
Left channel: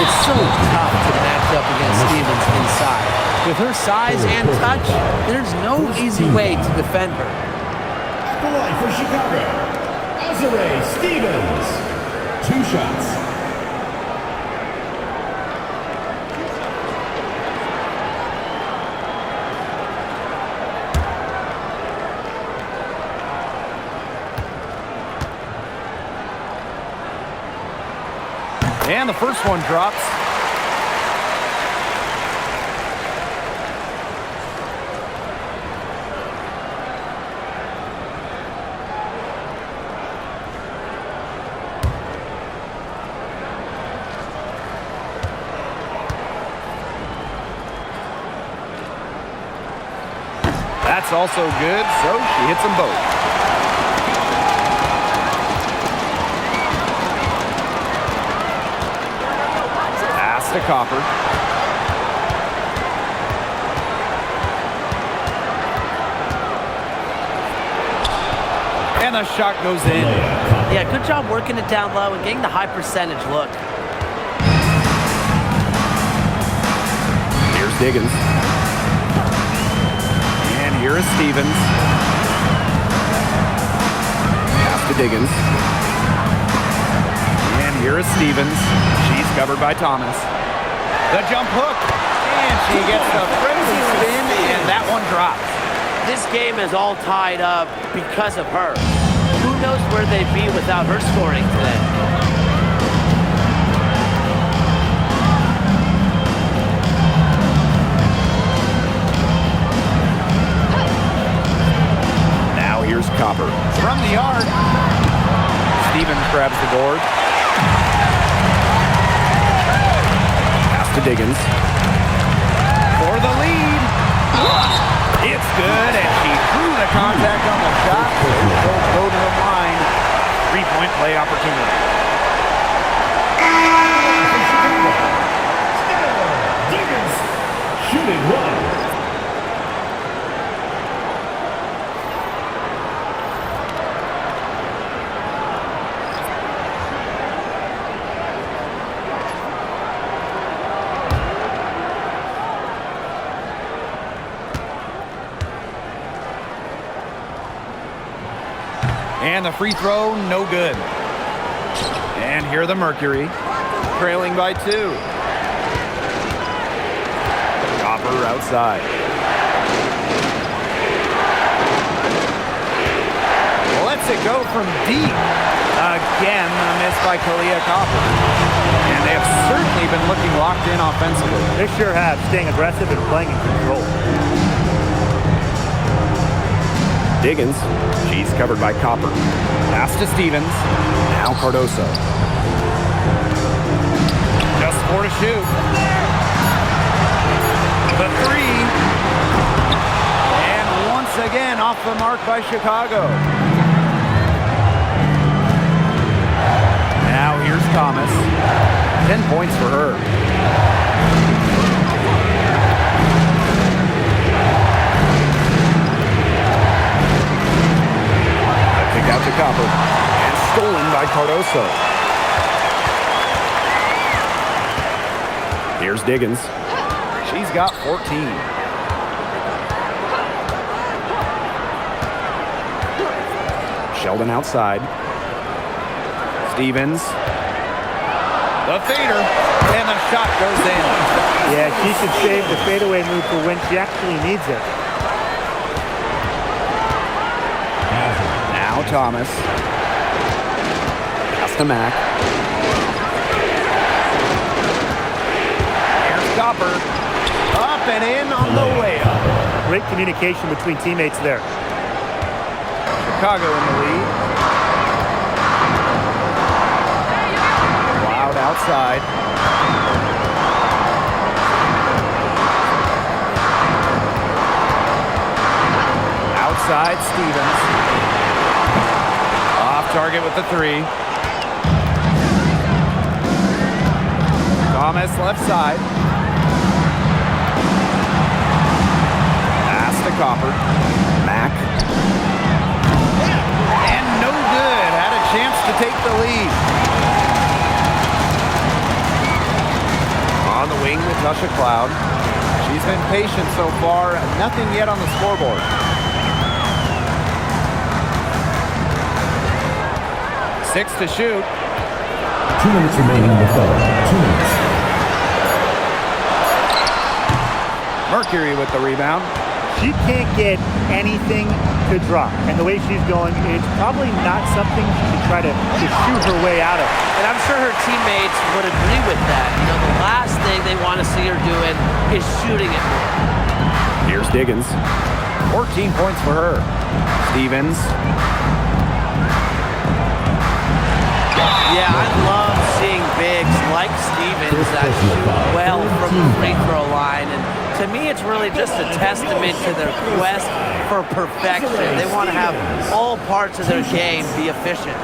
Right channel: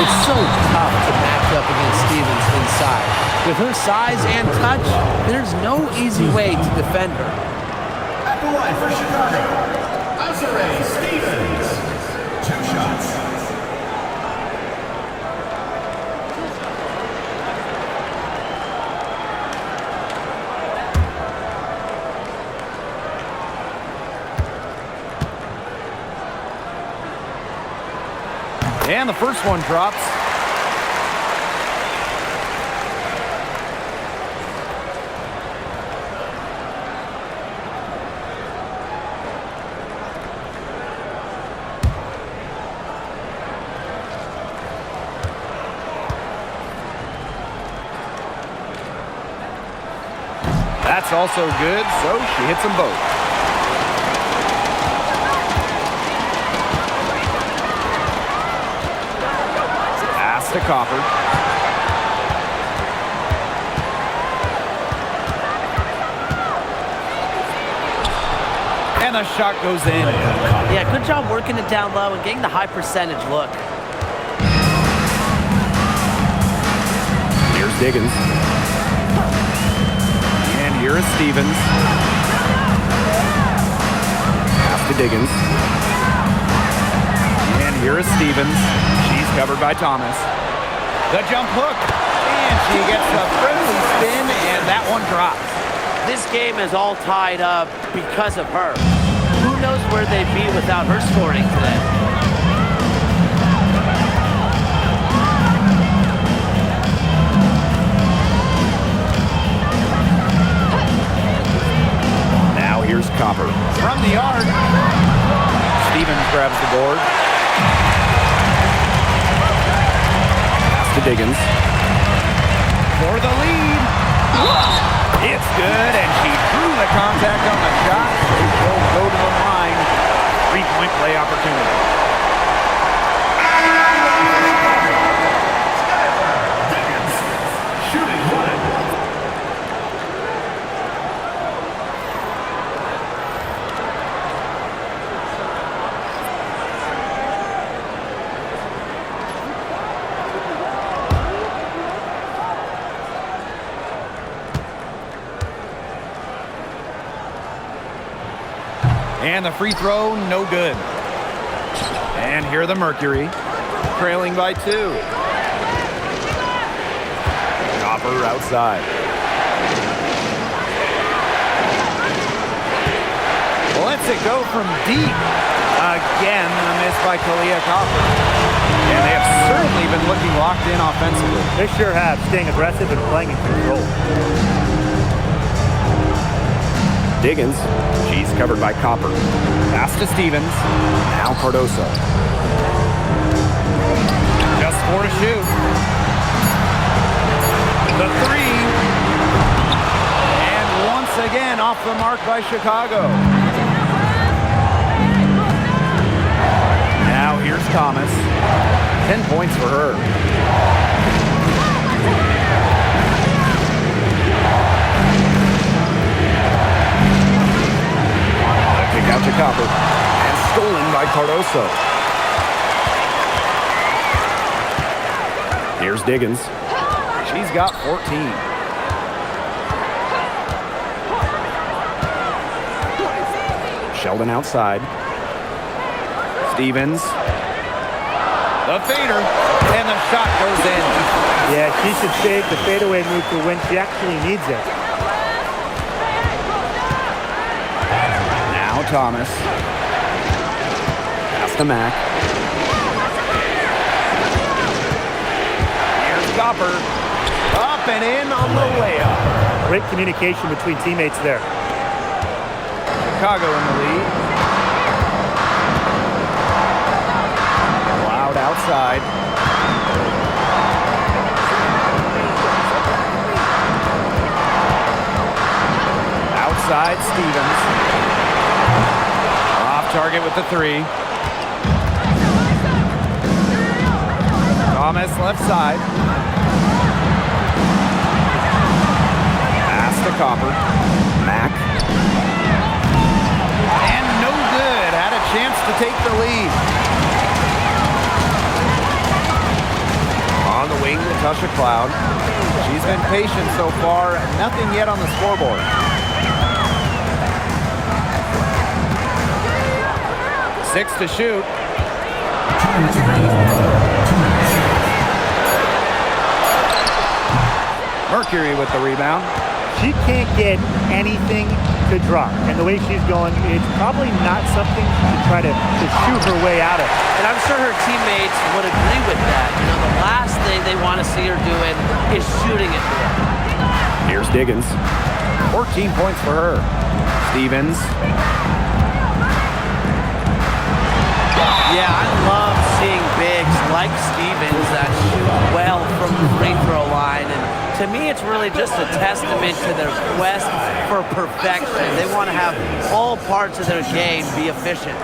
It's so tough to match up against Stevens inside. With her size and touch, there's no easy way to defend her. At the line for Chicago, Azare Stevens. 2 shots. And the first one drops. That's also good, so she hits them both. Pass to Copper. And the shot goes in. Yeah, good job working it down low and getting the high percentage look. Here's Diggins. And here is Stevens. Pass to Diggins. And here is Stevens. She's covered by Thomas. The jump hook. And she gets the friendly spin, and that one drops. This game is all tied up because of her. Who knows where they'd be without her scoring today? Now here's Copper. From the arc, Stevens grabs the board. Pass to Diggins. For the lead. It's good, and she drew the contact on the shot, so she'll go to the line. 3-point play opportunity. Diggins, shooting 1. And the free throw, no good. And here the Mercury, trailing by 2. Copper outside. Lets it go from deep. Again, a miss by Kalia Copper. And they have certainly been looking locked in offensively. They sure have, staying aggressive and playing in control. Diggins. She's covered by Copper. Pass to Stevens. Now Cardoso. Just 4 to shoot. The 3. And once again off the mark by Chicago. Now here's Thomas. 10 points for her. A kick out to Copper. And stolen by Cardoso. Here's Diggins. She's got 14. Sheldon outside. Stevens. The fader. And the shot goes in. Yeah, she should save the fadeaway move for when she actually needs it. Now Thomas. Pass to Mack. Here's Copper. Up and in on the layup. Great communication between teammates there. Chicago in the lead. Loud outside. Outside Stevens. Off target with the 3. Thomas left side. Pass to Copper. Mack. And no good. Had a chance to take the lead. On the wing, Natasha Cloud. She's been patient so far. Nothing yet on the scoreboard. 6 to shoot. 2 minutes remaining on the clock. 2 minutes. Mercury with the rebound. She can't get anything to drop. And the way she's going, it's probably not something she should try to shoot her way out of. And I'm sure her teammates would agree with that. You know, the last thing they want to see her doing is shooting it more. Here's Diggins. 14 points for her. Stevens. Yeah, I love seeing bigs like Stevens that shoot well from the free throw line. And to me, it's really just a testament to their quest for perfection. They want to have all parts of their game be efficient.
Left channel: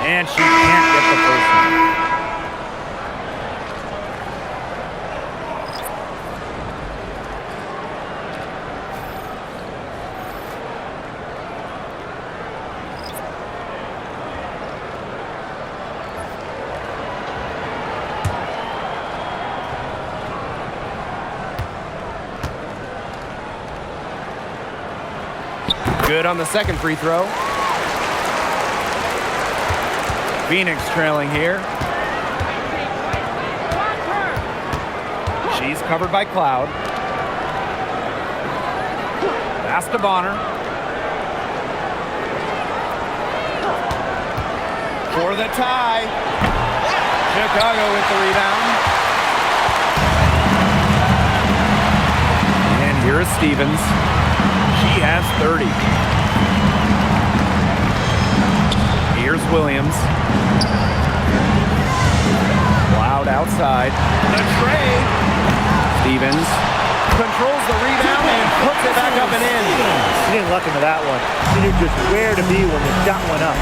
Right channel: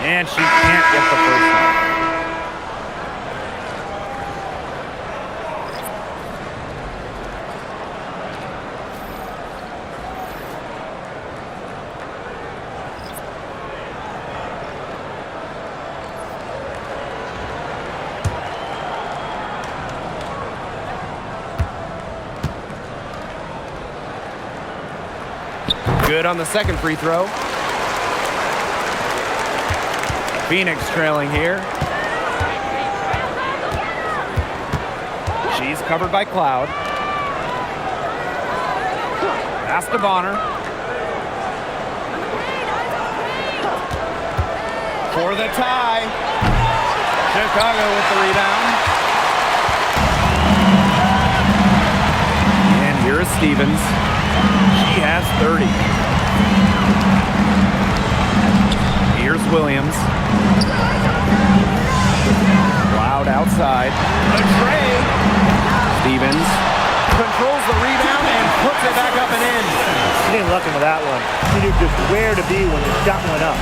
And she can't get the first one. Good on the second free throw. Phoenix trailing here. She's covered by Cloud. Pass to Bonner. For the tie. Chicago with the rebound. And here is Stevens. She has 30. Here's Williams. Cloud outside. The tray. Stevens controls the rebound and puts it back up and in. She didn't luck into that one. She knew just where to be when the shot went up.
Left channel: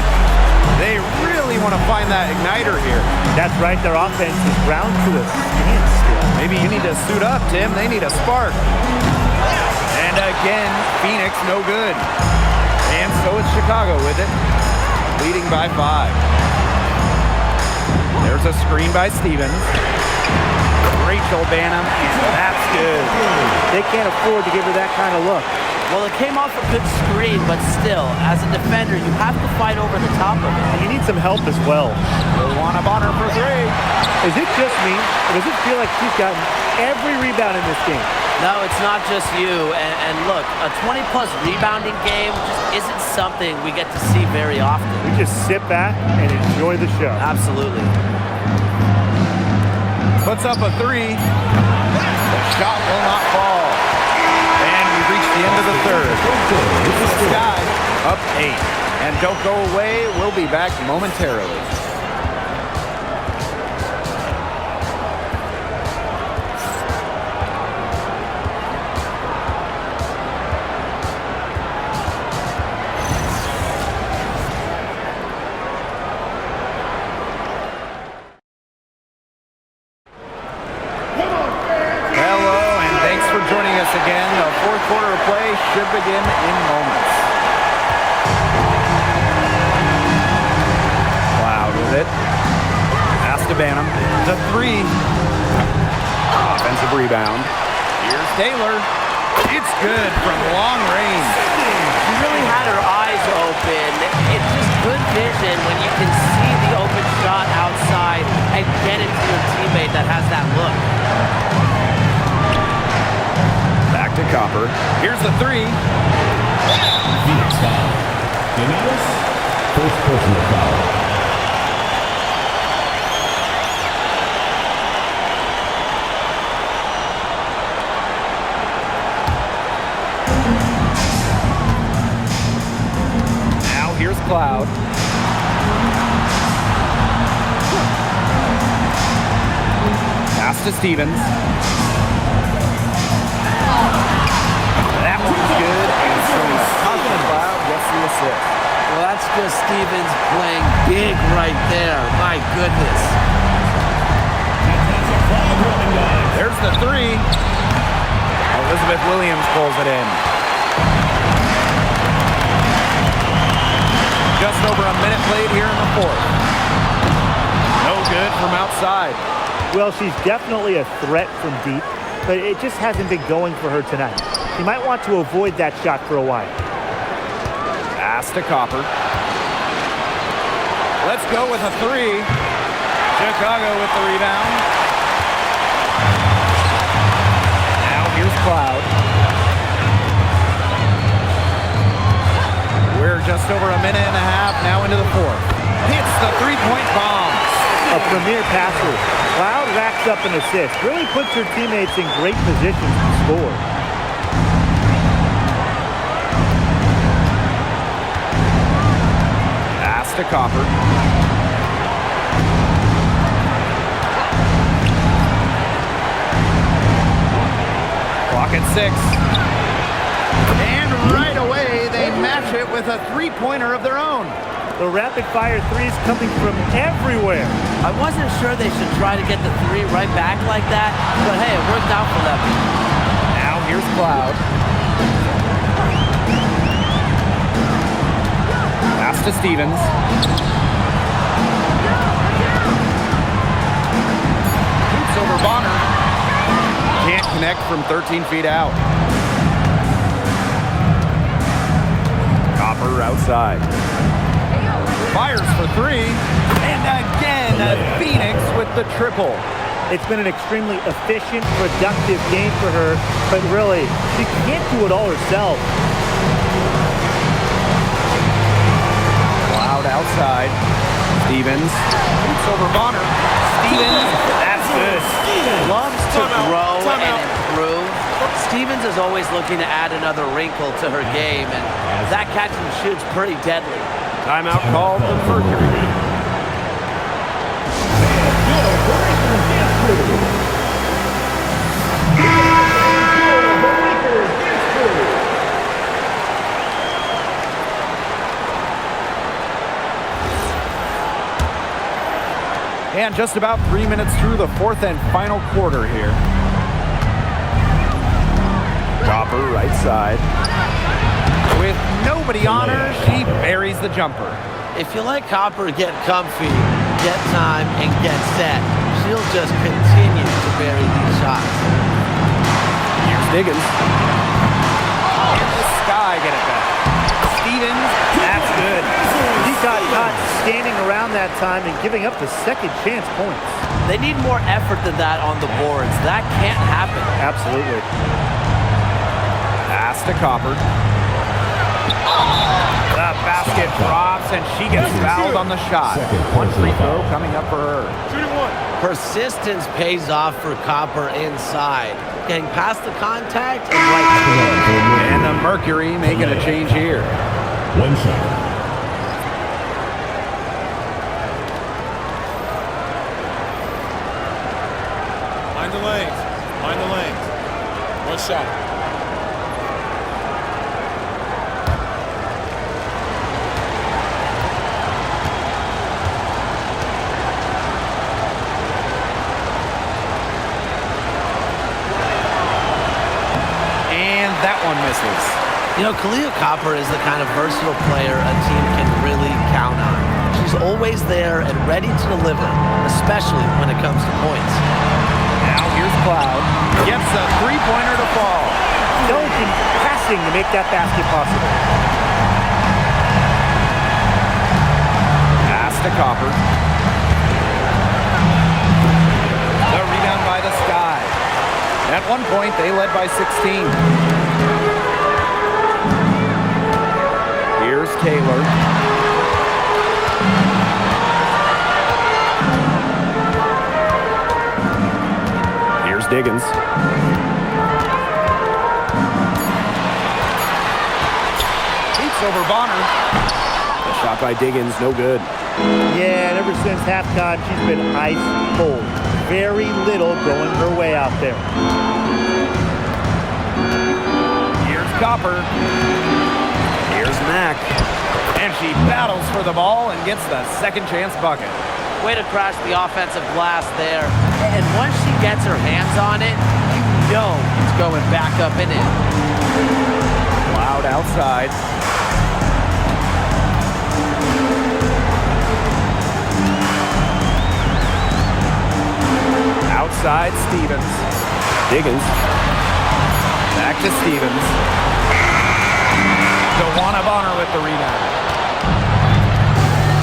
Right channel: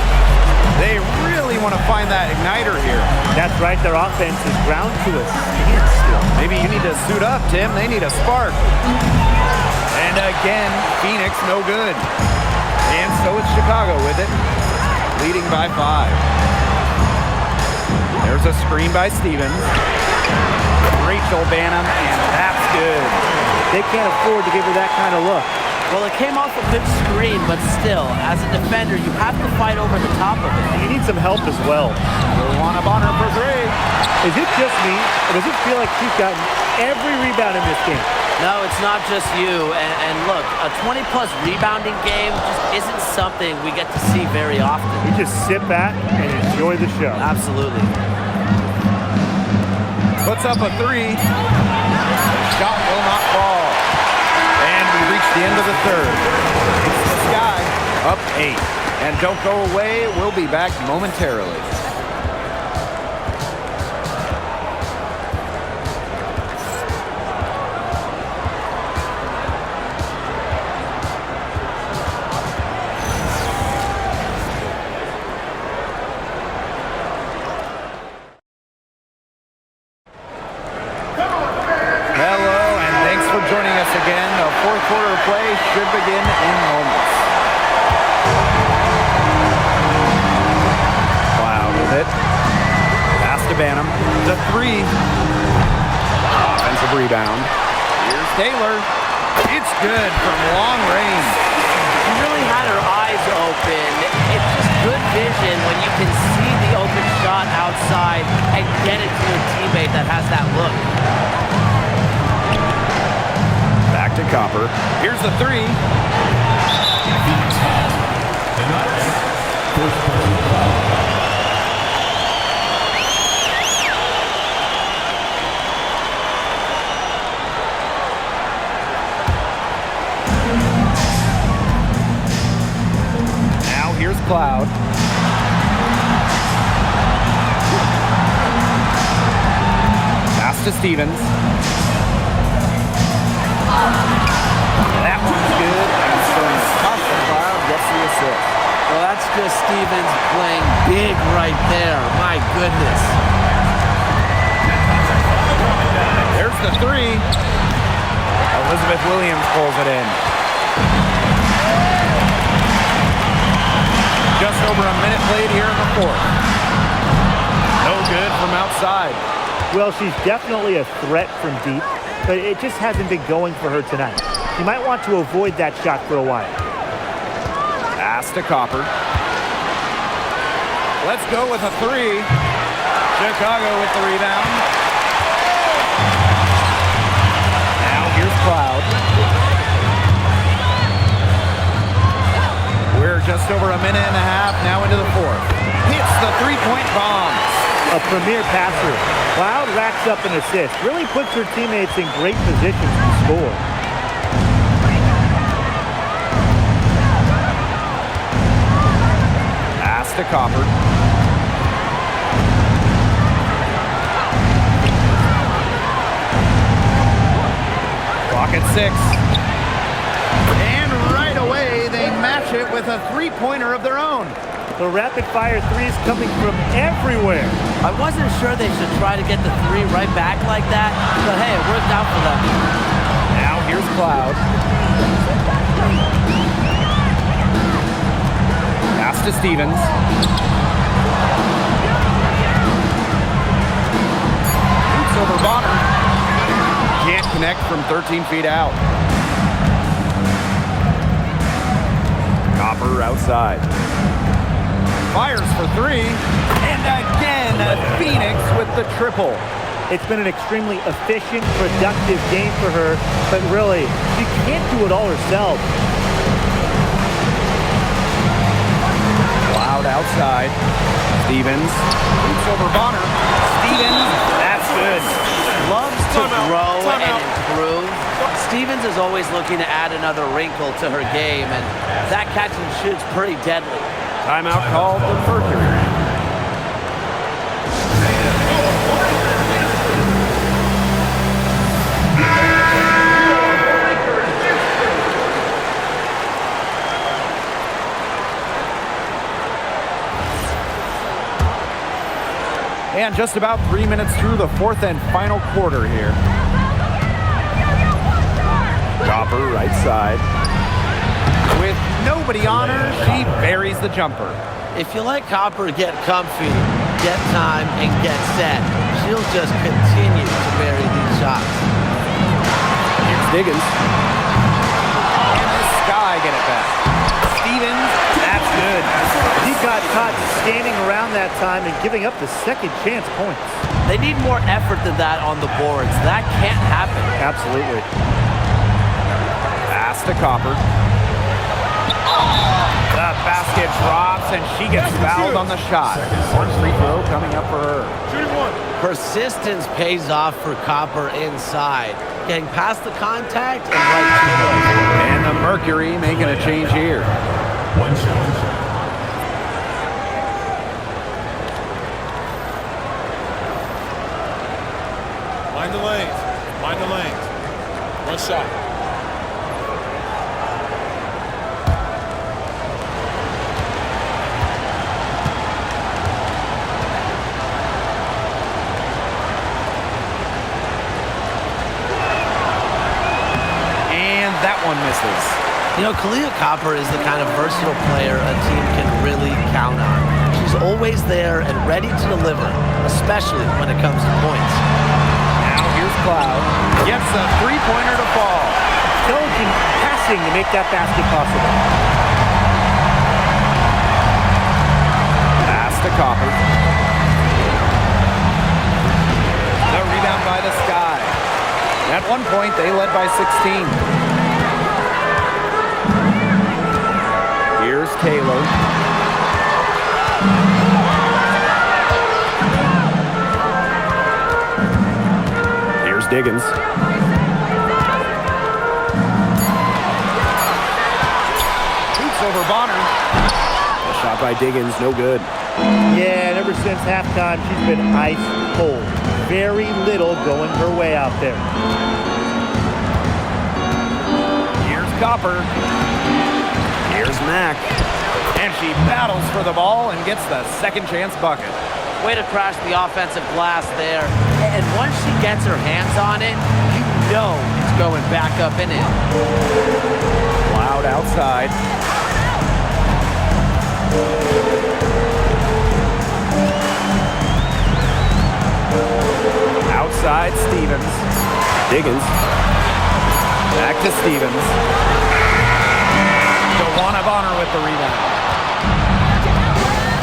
They really want to find that igniter here. That's right. Their offense is ground to a standstill. Maybe you need to suit up, Tim. They need a spark. And again, Phoenix no good. And so it's Chicago with it, leading by 5. There's a screen by Stevens. Rachel Banham, and that's good. They can't afford to give her that kind of look. Well, it came off a good screen, but still, as a defender, you have to fight over the top of it. And you need some help as well. Luana Bonner for 3. Is it just me, or does it feel like she's gotten every rebound in this game? No, it's not just you. And look, a 20-plus rebounding game just isn't something we get to see very often. We just sit back and enjoy the show. Absolutely. Puts up a 3. The shot will not fall. And we reach the end of the third. It's the Sky up 8. And don't go away. We'll be back momentarily. For joining us again. The fourth quarter of play should begin in moments. Cloud with it. Pass to Banham. The 3. Offensive rebound. Here's Taylor. It's good from long range. She really had her eyes open. It's just good vision when you can see the open shot outside and get it to your teammate that has that look. Back to Copper. Here's the 3. Phoenix foul. Tonight, first personal foul. Now here's Cloud. Pass to Stevens. That one's good, and so Natasha Cloud gets the assist. Well, that's just Stevens playing big right there. My goodness. There's the 3. Elizabeth Williams pulls it in. Just over a minute played here in the fourth. No good from outside. Well, she's definitely a threat from deep, but it just hasn't been going for her tonight. You might want to avoid that shot for a while. Pass to Copper. Let's go with a 3. Chicago with the rebound. Now here's Cloud. We're just over a minute and a half now into the fourth. Hits the 3-point bomb. A premier passer. Cloud racks up an assist. Really puts her teammates in great positions to score. Pass to Copper. Clock at 6. And right away, they match it with a 3-pointer of their own. The rapid-fire threes coming from everywhere. I wasn't sure they should try to get the 3 right back like that, but hey, it worked out for them. Now here's Cloud. Pass to Stevens. Shoots over Bonner. Can't connect from 13 feet out. Copper outside. Fires for 3. And again, Phoenix with the triple. It's been an extremely efficient, productive game for her, but really, she can't do it all herself. Cloud outside. Stevens shoots over Bonner. Stevens, that's good. Loves to grow and improve. Stevens is always looking to add another wrinkle to her game, and that catch and shoot's pretty deadly. Timeout called the Mercury. And just about 3 minutes through the fourth and final quarter here. Copper right side. With nobody on her, she buries the jumper. If you let Copper get comfy, get time, and get set, she'll just continue to bury these shots. Here's Diggins. And the Sky get it back. Stevens, that's good. He got caught standing around that time and giving up the second chance points. They need more effort than that on the boards. That can't happen. Absolutely. Pass to Copper. The basket drops, and she gets fouled on the shot. One free throw coming up for her. Shooting one. Persistence pays off for Copper inside. Getting past the contact and right to it. And the Mercury making a change here. One shot. Mind the lanes. Mind the lanes. One shot. And that one misses. You know, Kalia Copper is the kind of versatile player a team can really count on. She's always there and ready to deliver, especially when it comes to points. Now here's Cloud. Gets a three-pointer to fall. Intelligent passing to make that basket possible. Pass to Copper. The rebound by the Sky. At one point, they led by 16. Here's Taylor. Here's Diggins. Shoots over Bonner. The shot by Diggins, no good. Yeah, and ever since halftime, she's been ice cold. Very little going her way out there. Here's Copper. Here's Mack. And she battles for the ball and gets the second chance bucket. Way to crash the offensive glass there. And once she gets her hands on it, you know it's going back up and in. Cloud outside. Outside, Stevens. Diggins. Back to Stevens. DeWanna Bonner with the rebound.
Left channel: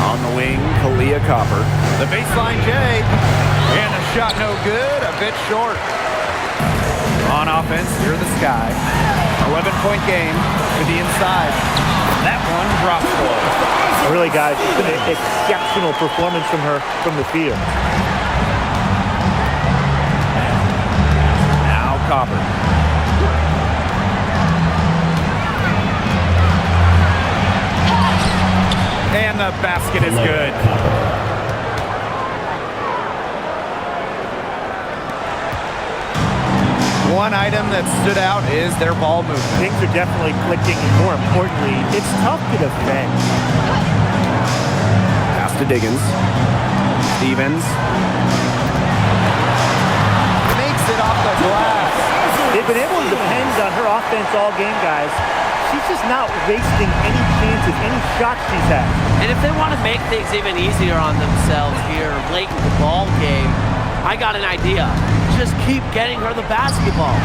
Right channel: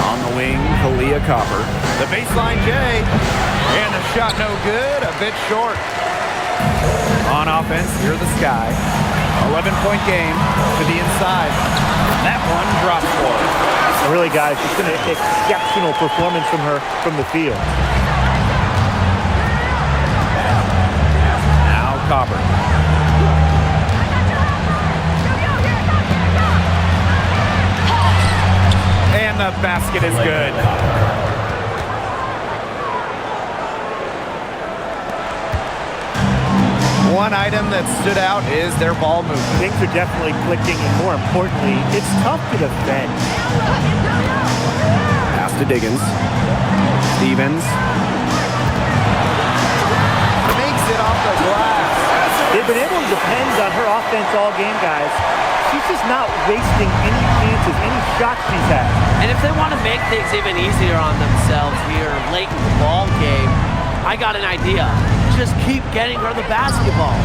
On the wing, Kalia Copper. The baseline J. And the shot no good, a bit short. On offense, here the Sky. 11-point game to the inside. That one drops for her. Really, guys, it's been an exceptional performance from her from the field. Now Copper. And the basket is good. One item that stood out is their ball movement. Things are definitely clicking, and more importantly, it's tough to defend. Pass to Diggins. Stevens makes it off the glass. They've been able to depend on her offense all game, guys. She's just not wasting any chances, any shots she's had. And if they want to make things even easier on themselves here late in the ball game, I got an idea. Just keep getting her the basketball.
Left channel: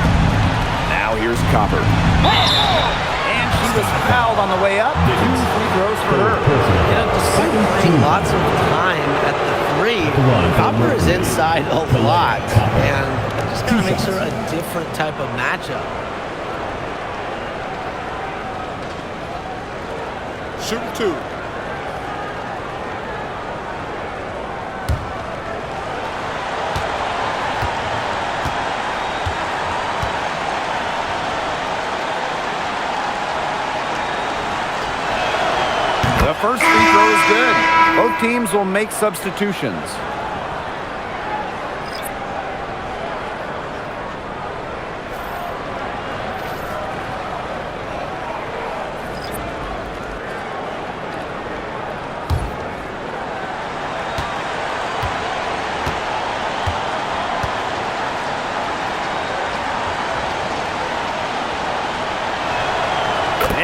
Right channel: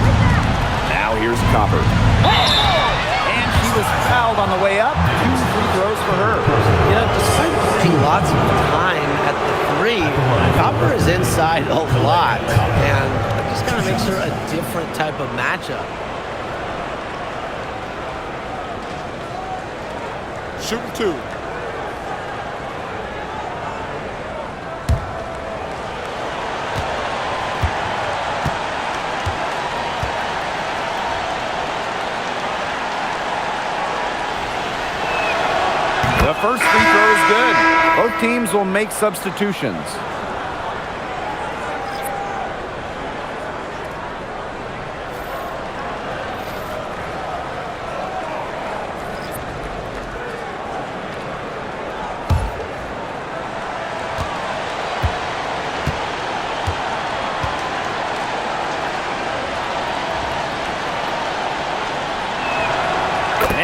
Now here's Copper. And she was fouled on the way up. 2 free throws for her. You know, despite playing lots of time at the three, Copper is inside a lot. And that just kind of makes her a different type of matchup. Shooting two. The first free throw is good. Both teams will make substitutions.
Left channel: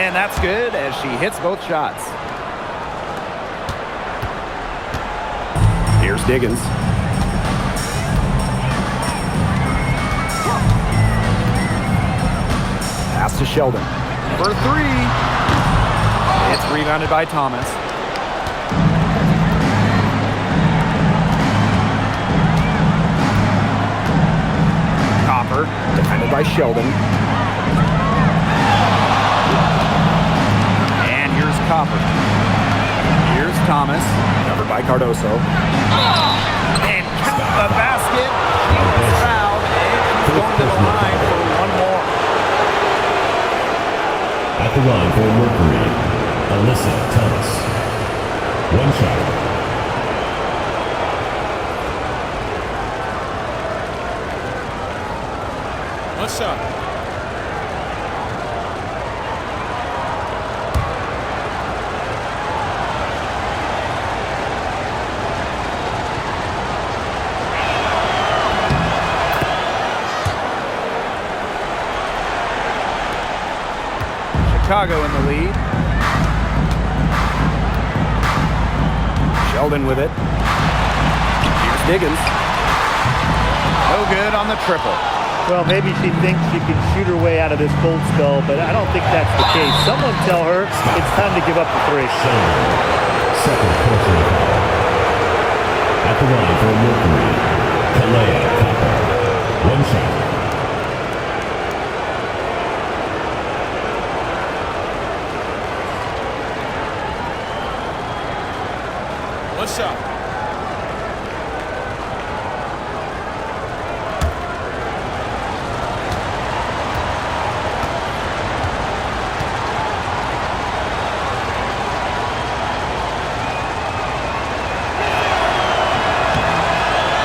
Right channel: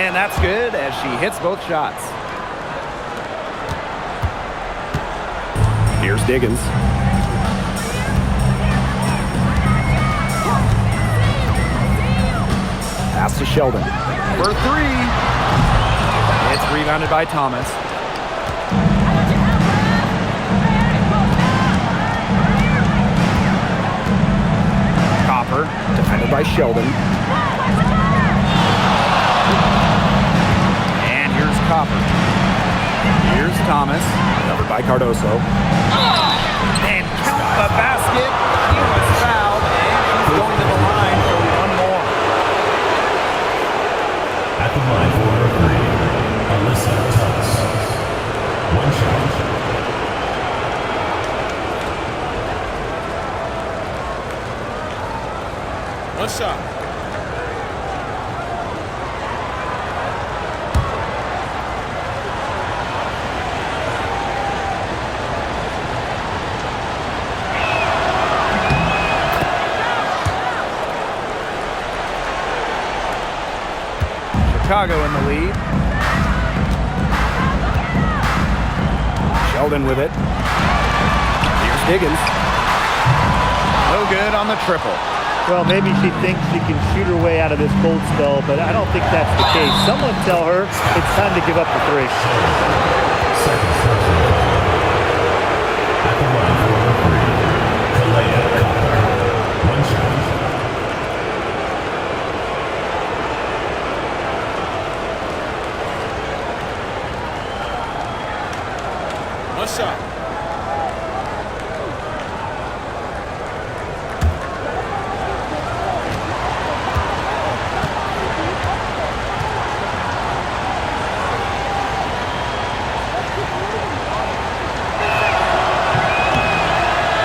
And that's good as she hits both shots. Here's Diggins. Pass to Sheldon. For three. It's rebounded by Thomas. Copper, defended by Sheldon. And here's Copper. Here's Thomas. Covered by Cardoso. And count the basket. She was fouled, and she's going to the line for one more. At the line for Mercury, Alyssa Thomas. One shot. One shot. Chicago in the lead. Sheldon with it. Here's Diggins. No good on the triple. Well, maybe she thinks she can shoot her way out of this cold spell, but I don't think that's the case. Someone tell her it's time to give up the three. Second personal foul. At the line for Mercury, Kalea Copper. One shot. One shot.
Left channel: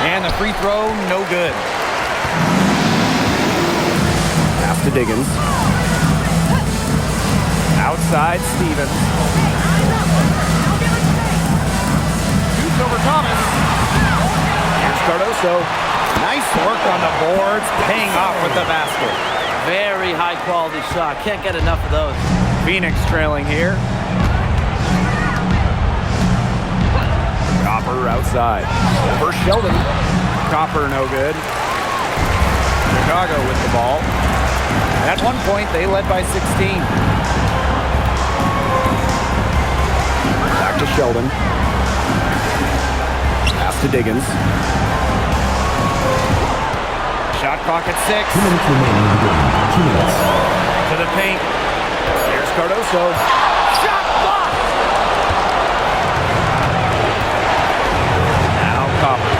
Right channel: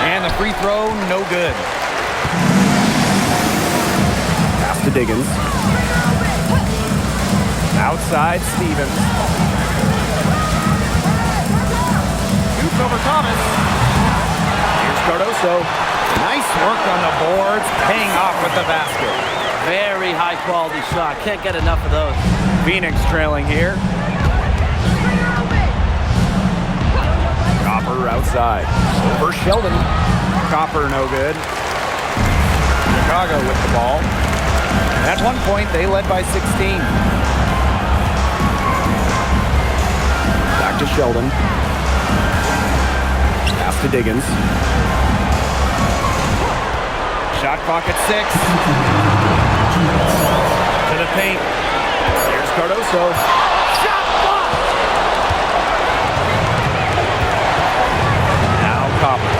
And the free throw, no good. Pass to Diggins. Outside, Stevens. Shoots over Thomas. Here's Cardoso. Nice work on the boards, paying off with the basket. Very high quality shot. Can't get enough of those. Phoenix trailing here. Copper outside. Over Sheldon. Copper, no good. Chicago with the ball. At one point, they led by 16. Back to Sheldon. Pass to Diggins. Shot clock at 6. To the paint. Here's Cardoso. Shot blocked! Now Copper.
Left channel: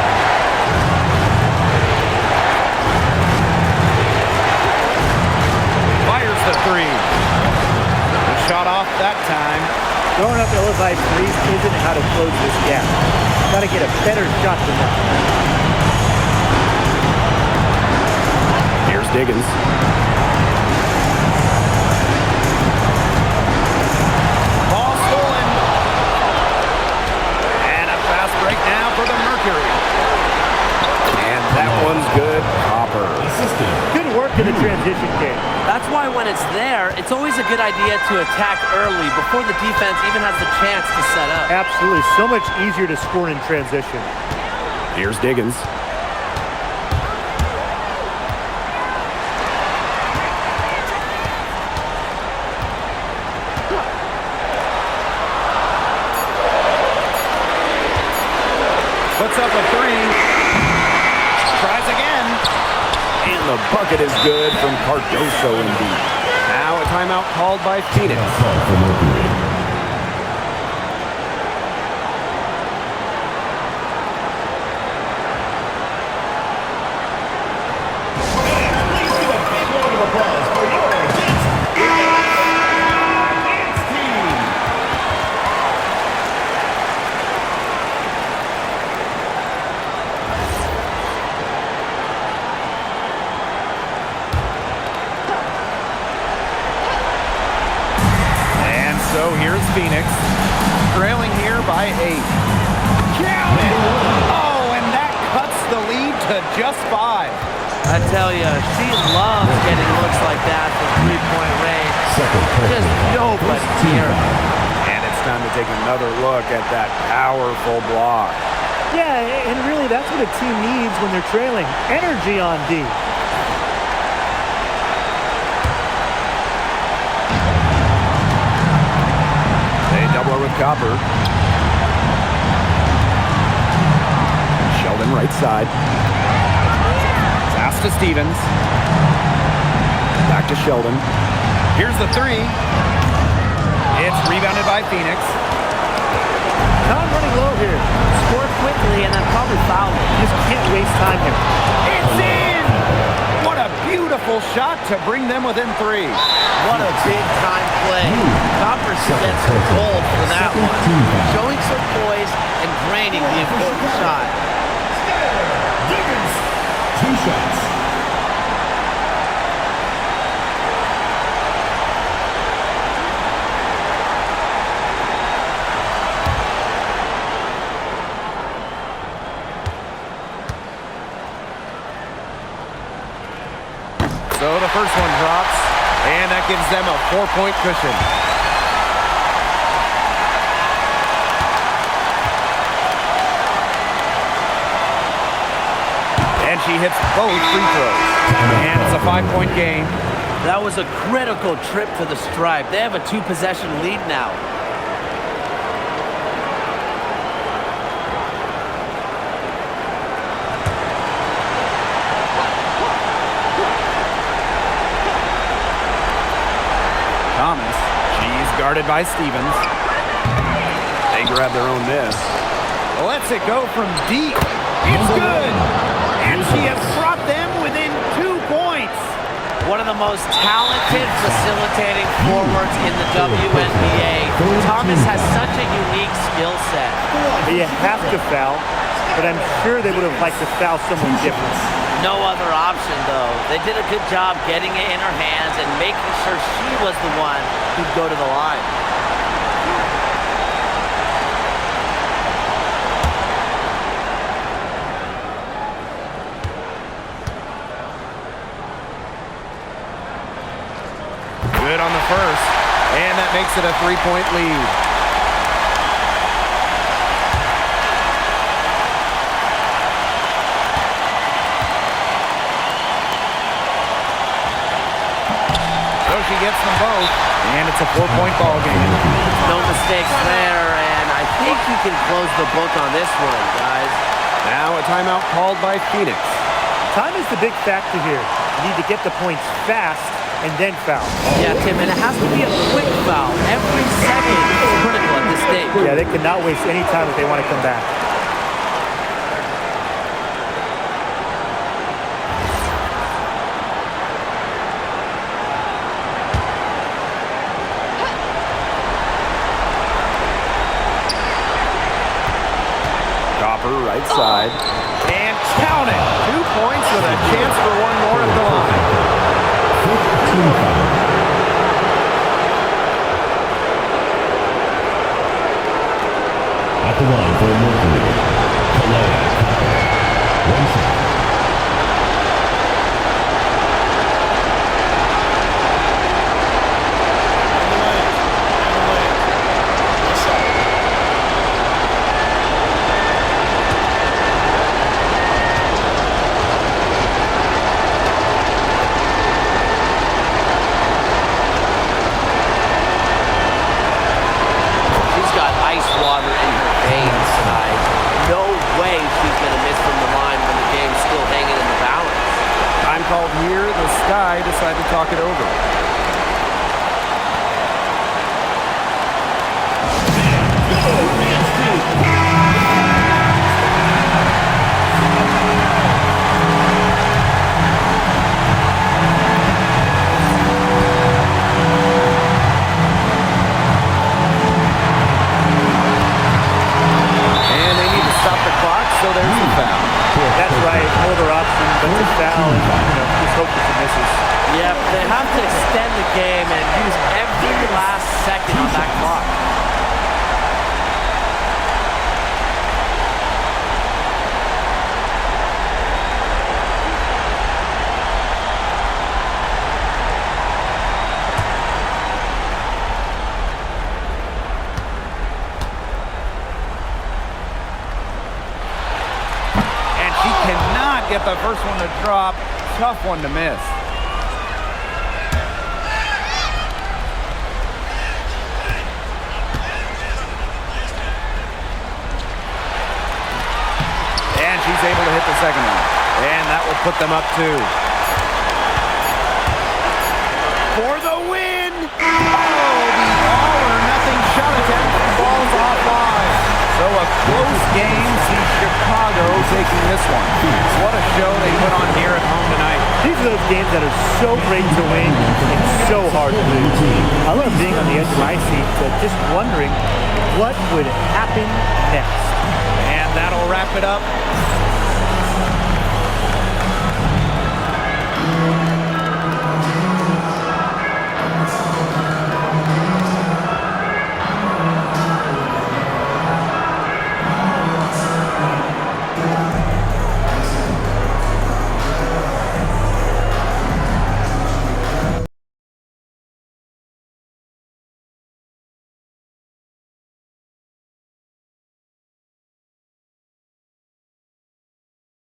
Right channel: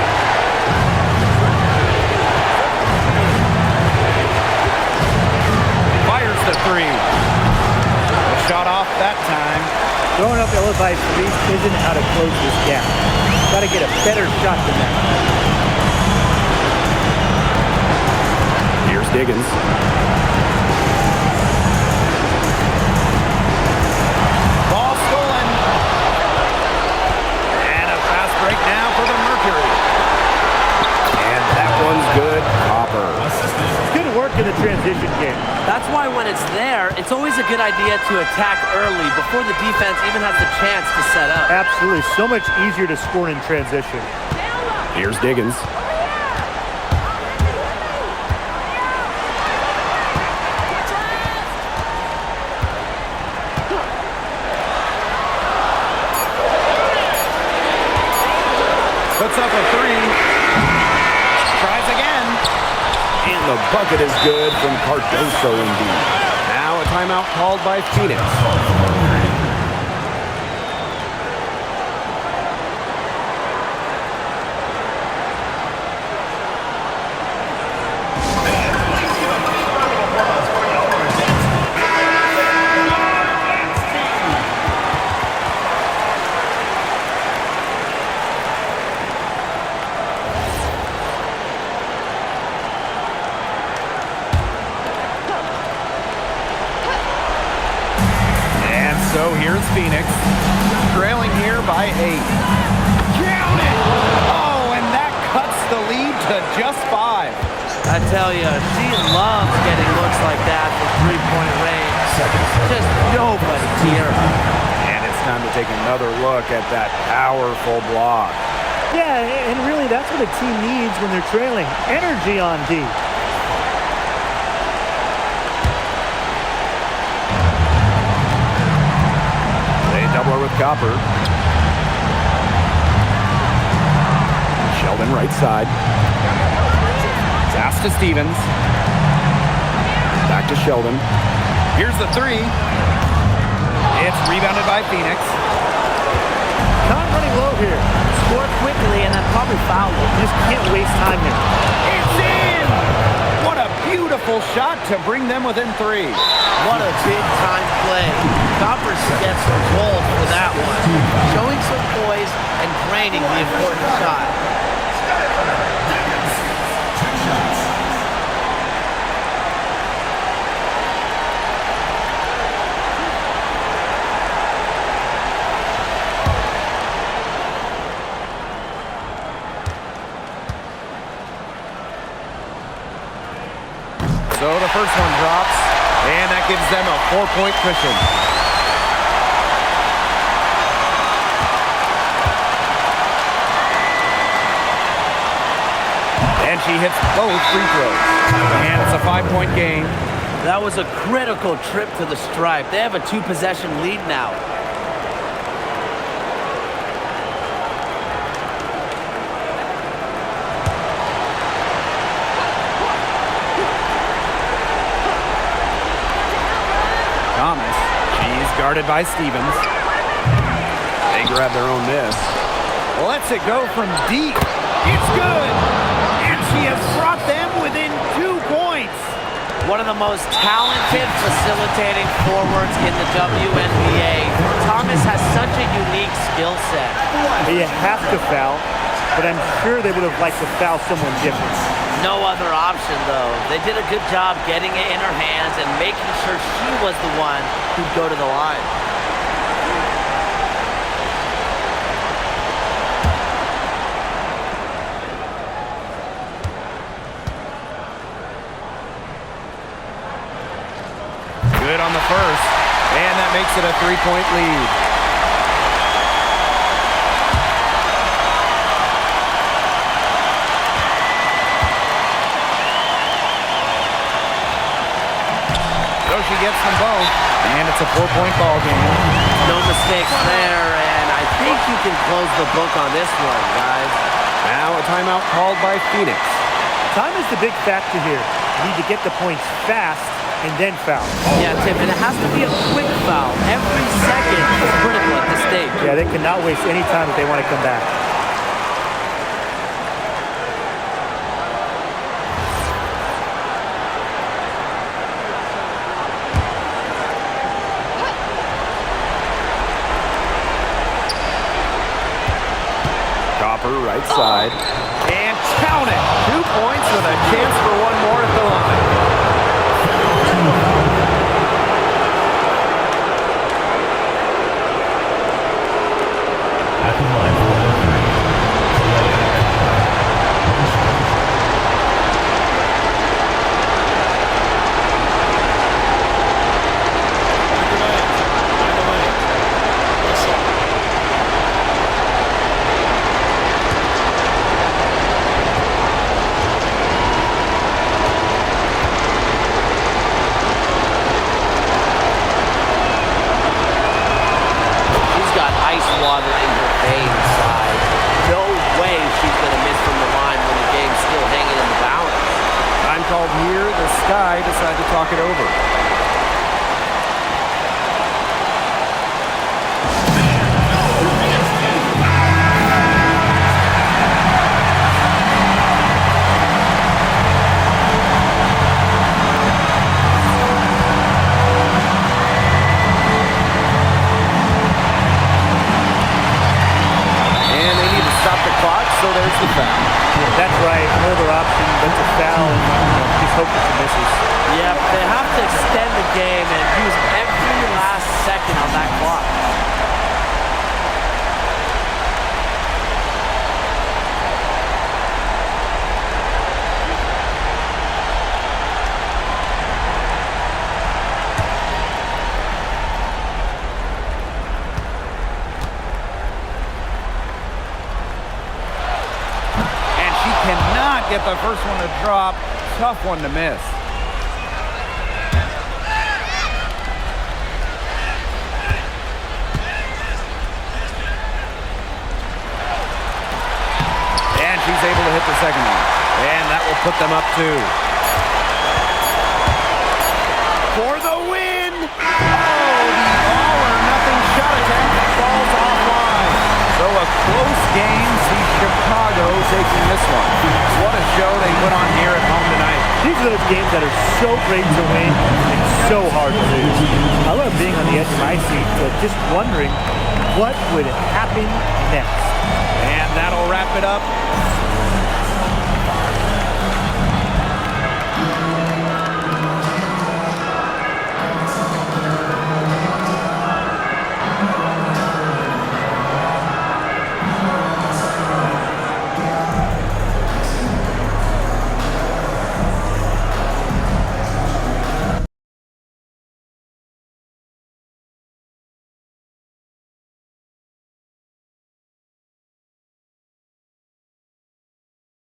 Fires the three. The shot off that time. Throwing up LFI threes isn't how to close this gap. Got to get a better shot than that. Here's Diggins. Ball stolen. And a fast break now for the Mercury. And that one's good. Copper. Good work in the transition game. That's why when it's there, it's always a good idea to attack early before the defense even has the chance to set up. Absolutely. So much easier to score in transition. Here's Diggins. Puts up a three. Tries again. And the bucket is good from Cardoso indeed. Now a timeout called by Phoenix. Called for Mercury. So here's Phoenix, trailing here by 8. Count it! Oh, and that cuts the lead to just 5. I tell you, she loves getting looks like that from three-point range. Just nobody's near her. And it's time to take another look at that powerful block. Yeah, and really that's what a team needs when they're trailing. Energy on D. They double her with Copper. Sheldon right side. Pass to Stevens. Back to Sheldon. Here's the three. It's rebounded by Phoenix. Time running low here. Score quickly and then probably foul it. You just can't waste time here. It's in! What a beautiful shot to bring them within three. What a big-time play. Copper should get some gold for that one. Showing some poise and draining the important shot. Wiggins, 2 shots. So the first one drops, and that gives them a 4-point cushion. And she hits both free throws. And it's a 5-point game. That was a critical trip to the stripe. They have a 2-possession lead now. Thomas, she's guarded by Stevens. They grab their own miss. Lets it go from deep. It's good. And she has brought them within 2 points. One of the most talented facilitating forwards in the WNBA. Thomas has such a unique skill set. You have to foul, but I'm sure they would have liked to foul someone different. No other option, though. They did a good job getting it in her hands and making sure she was the one who'd go to the line. Good on the first, and that makes it a 3-point lead. So she gets them both, and it's a 4-point ball game. No mistakes there, and I think you can close the book on this one, guys. Now a timeout called by Phoenix. Time is the big factor here. You need to get the points fast and then foul. Yeah, Tim, and it has to be a quick foul. Every second is critical at this stage. Yeah, they cannot waste any time if they want to come back. Copper right side. And count it. 2 points with a chance for one more at the line. At the line for Mercury, Find the lanes. Find the lanes. What's up? She's got ice water in her veins, guys. No way she's going to miss from the line when the game's still hanging in the balance. Time called here. The Sky decide to talk it over. And they need to stop the clock, so there's the foul. That's right. No other option but to foul and just hope for some misses. Yep, they have to extend the game and use every last second on that clock. She cannot get the first one to drop. Tough one to miss. And she's able to hit the second one. And that will put them up 2. For the win! Oh, the all-or-nothing shot attempt falls offline. So a close game sees Chicago taking this one. What a show they put on here at home tonight. These are those games that are so great to win and so hard to lose. I love being on the edge of my seat, just wondering what would happen next. And that'll wrap it up.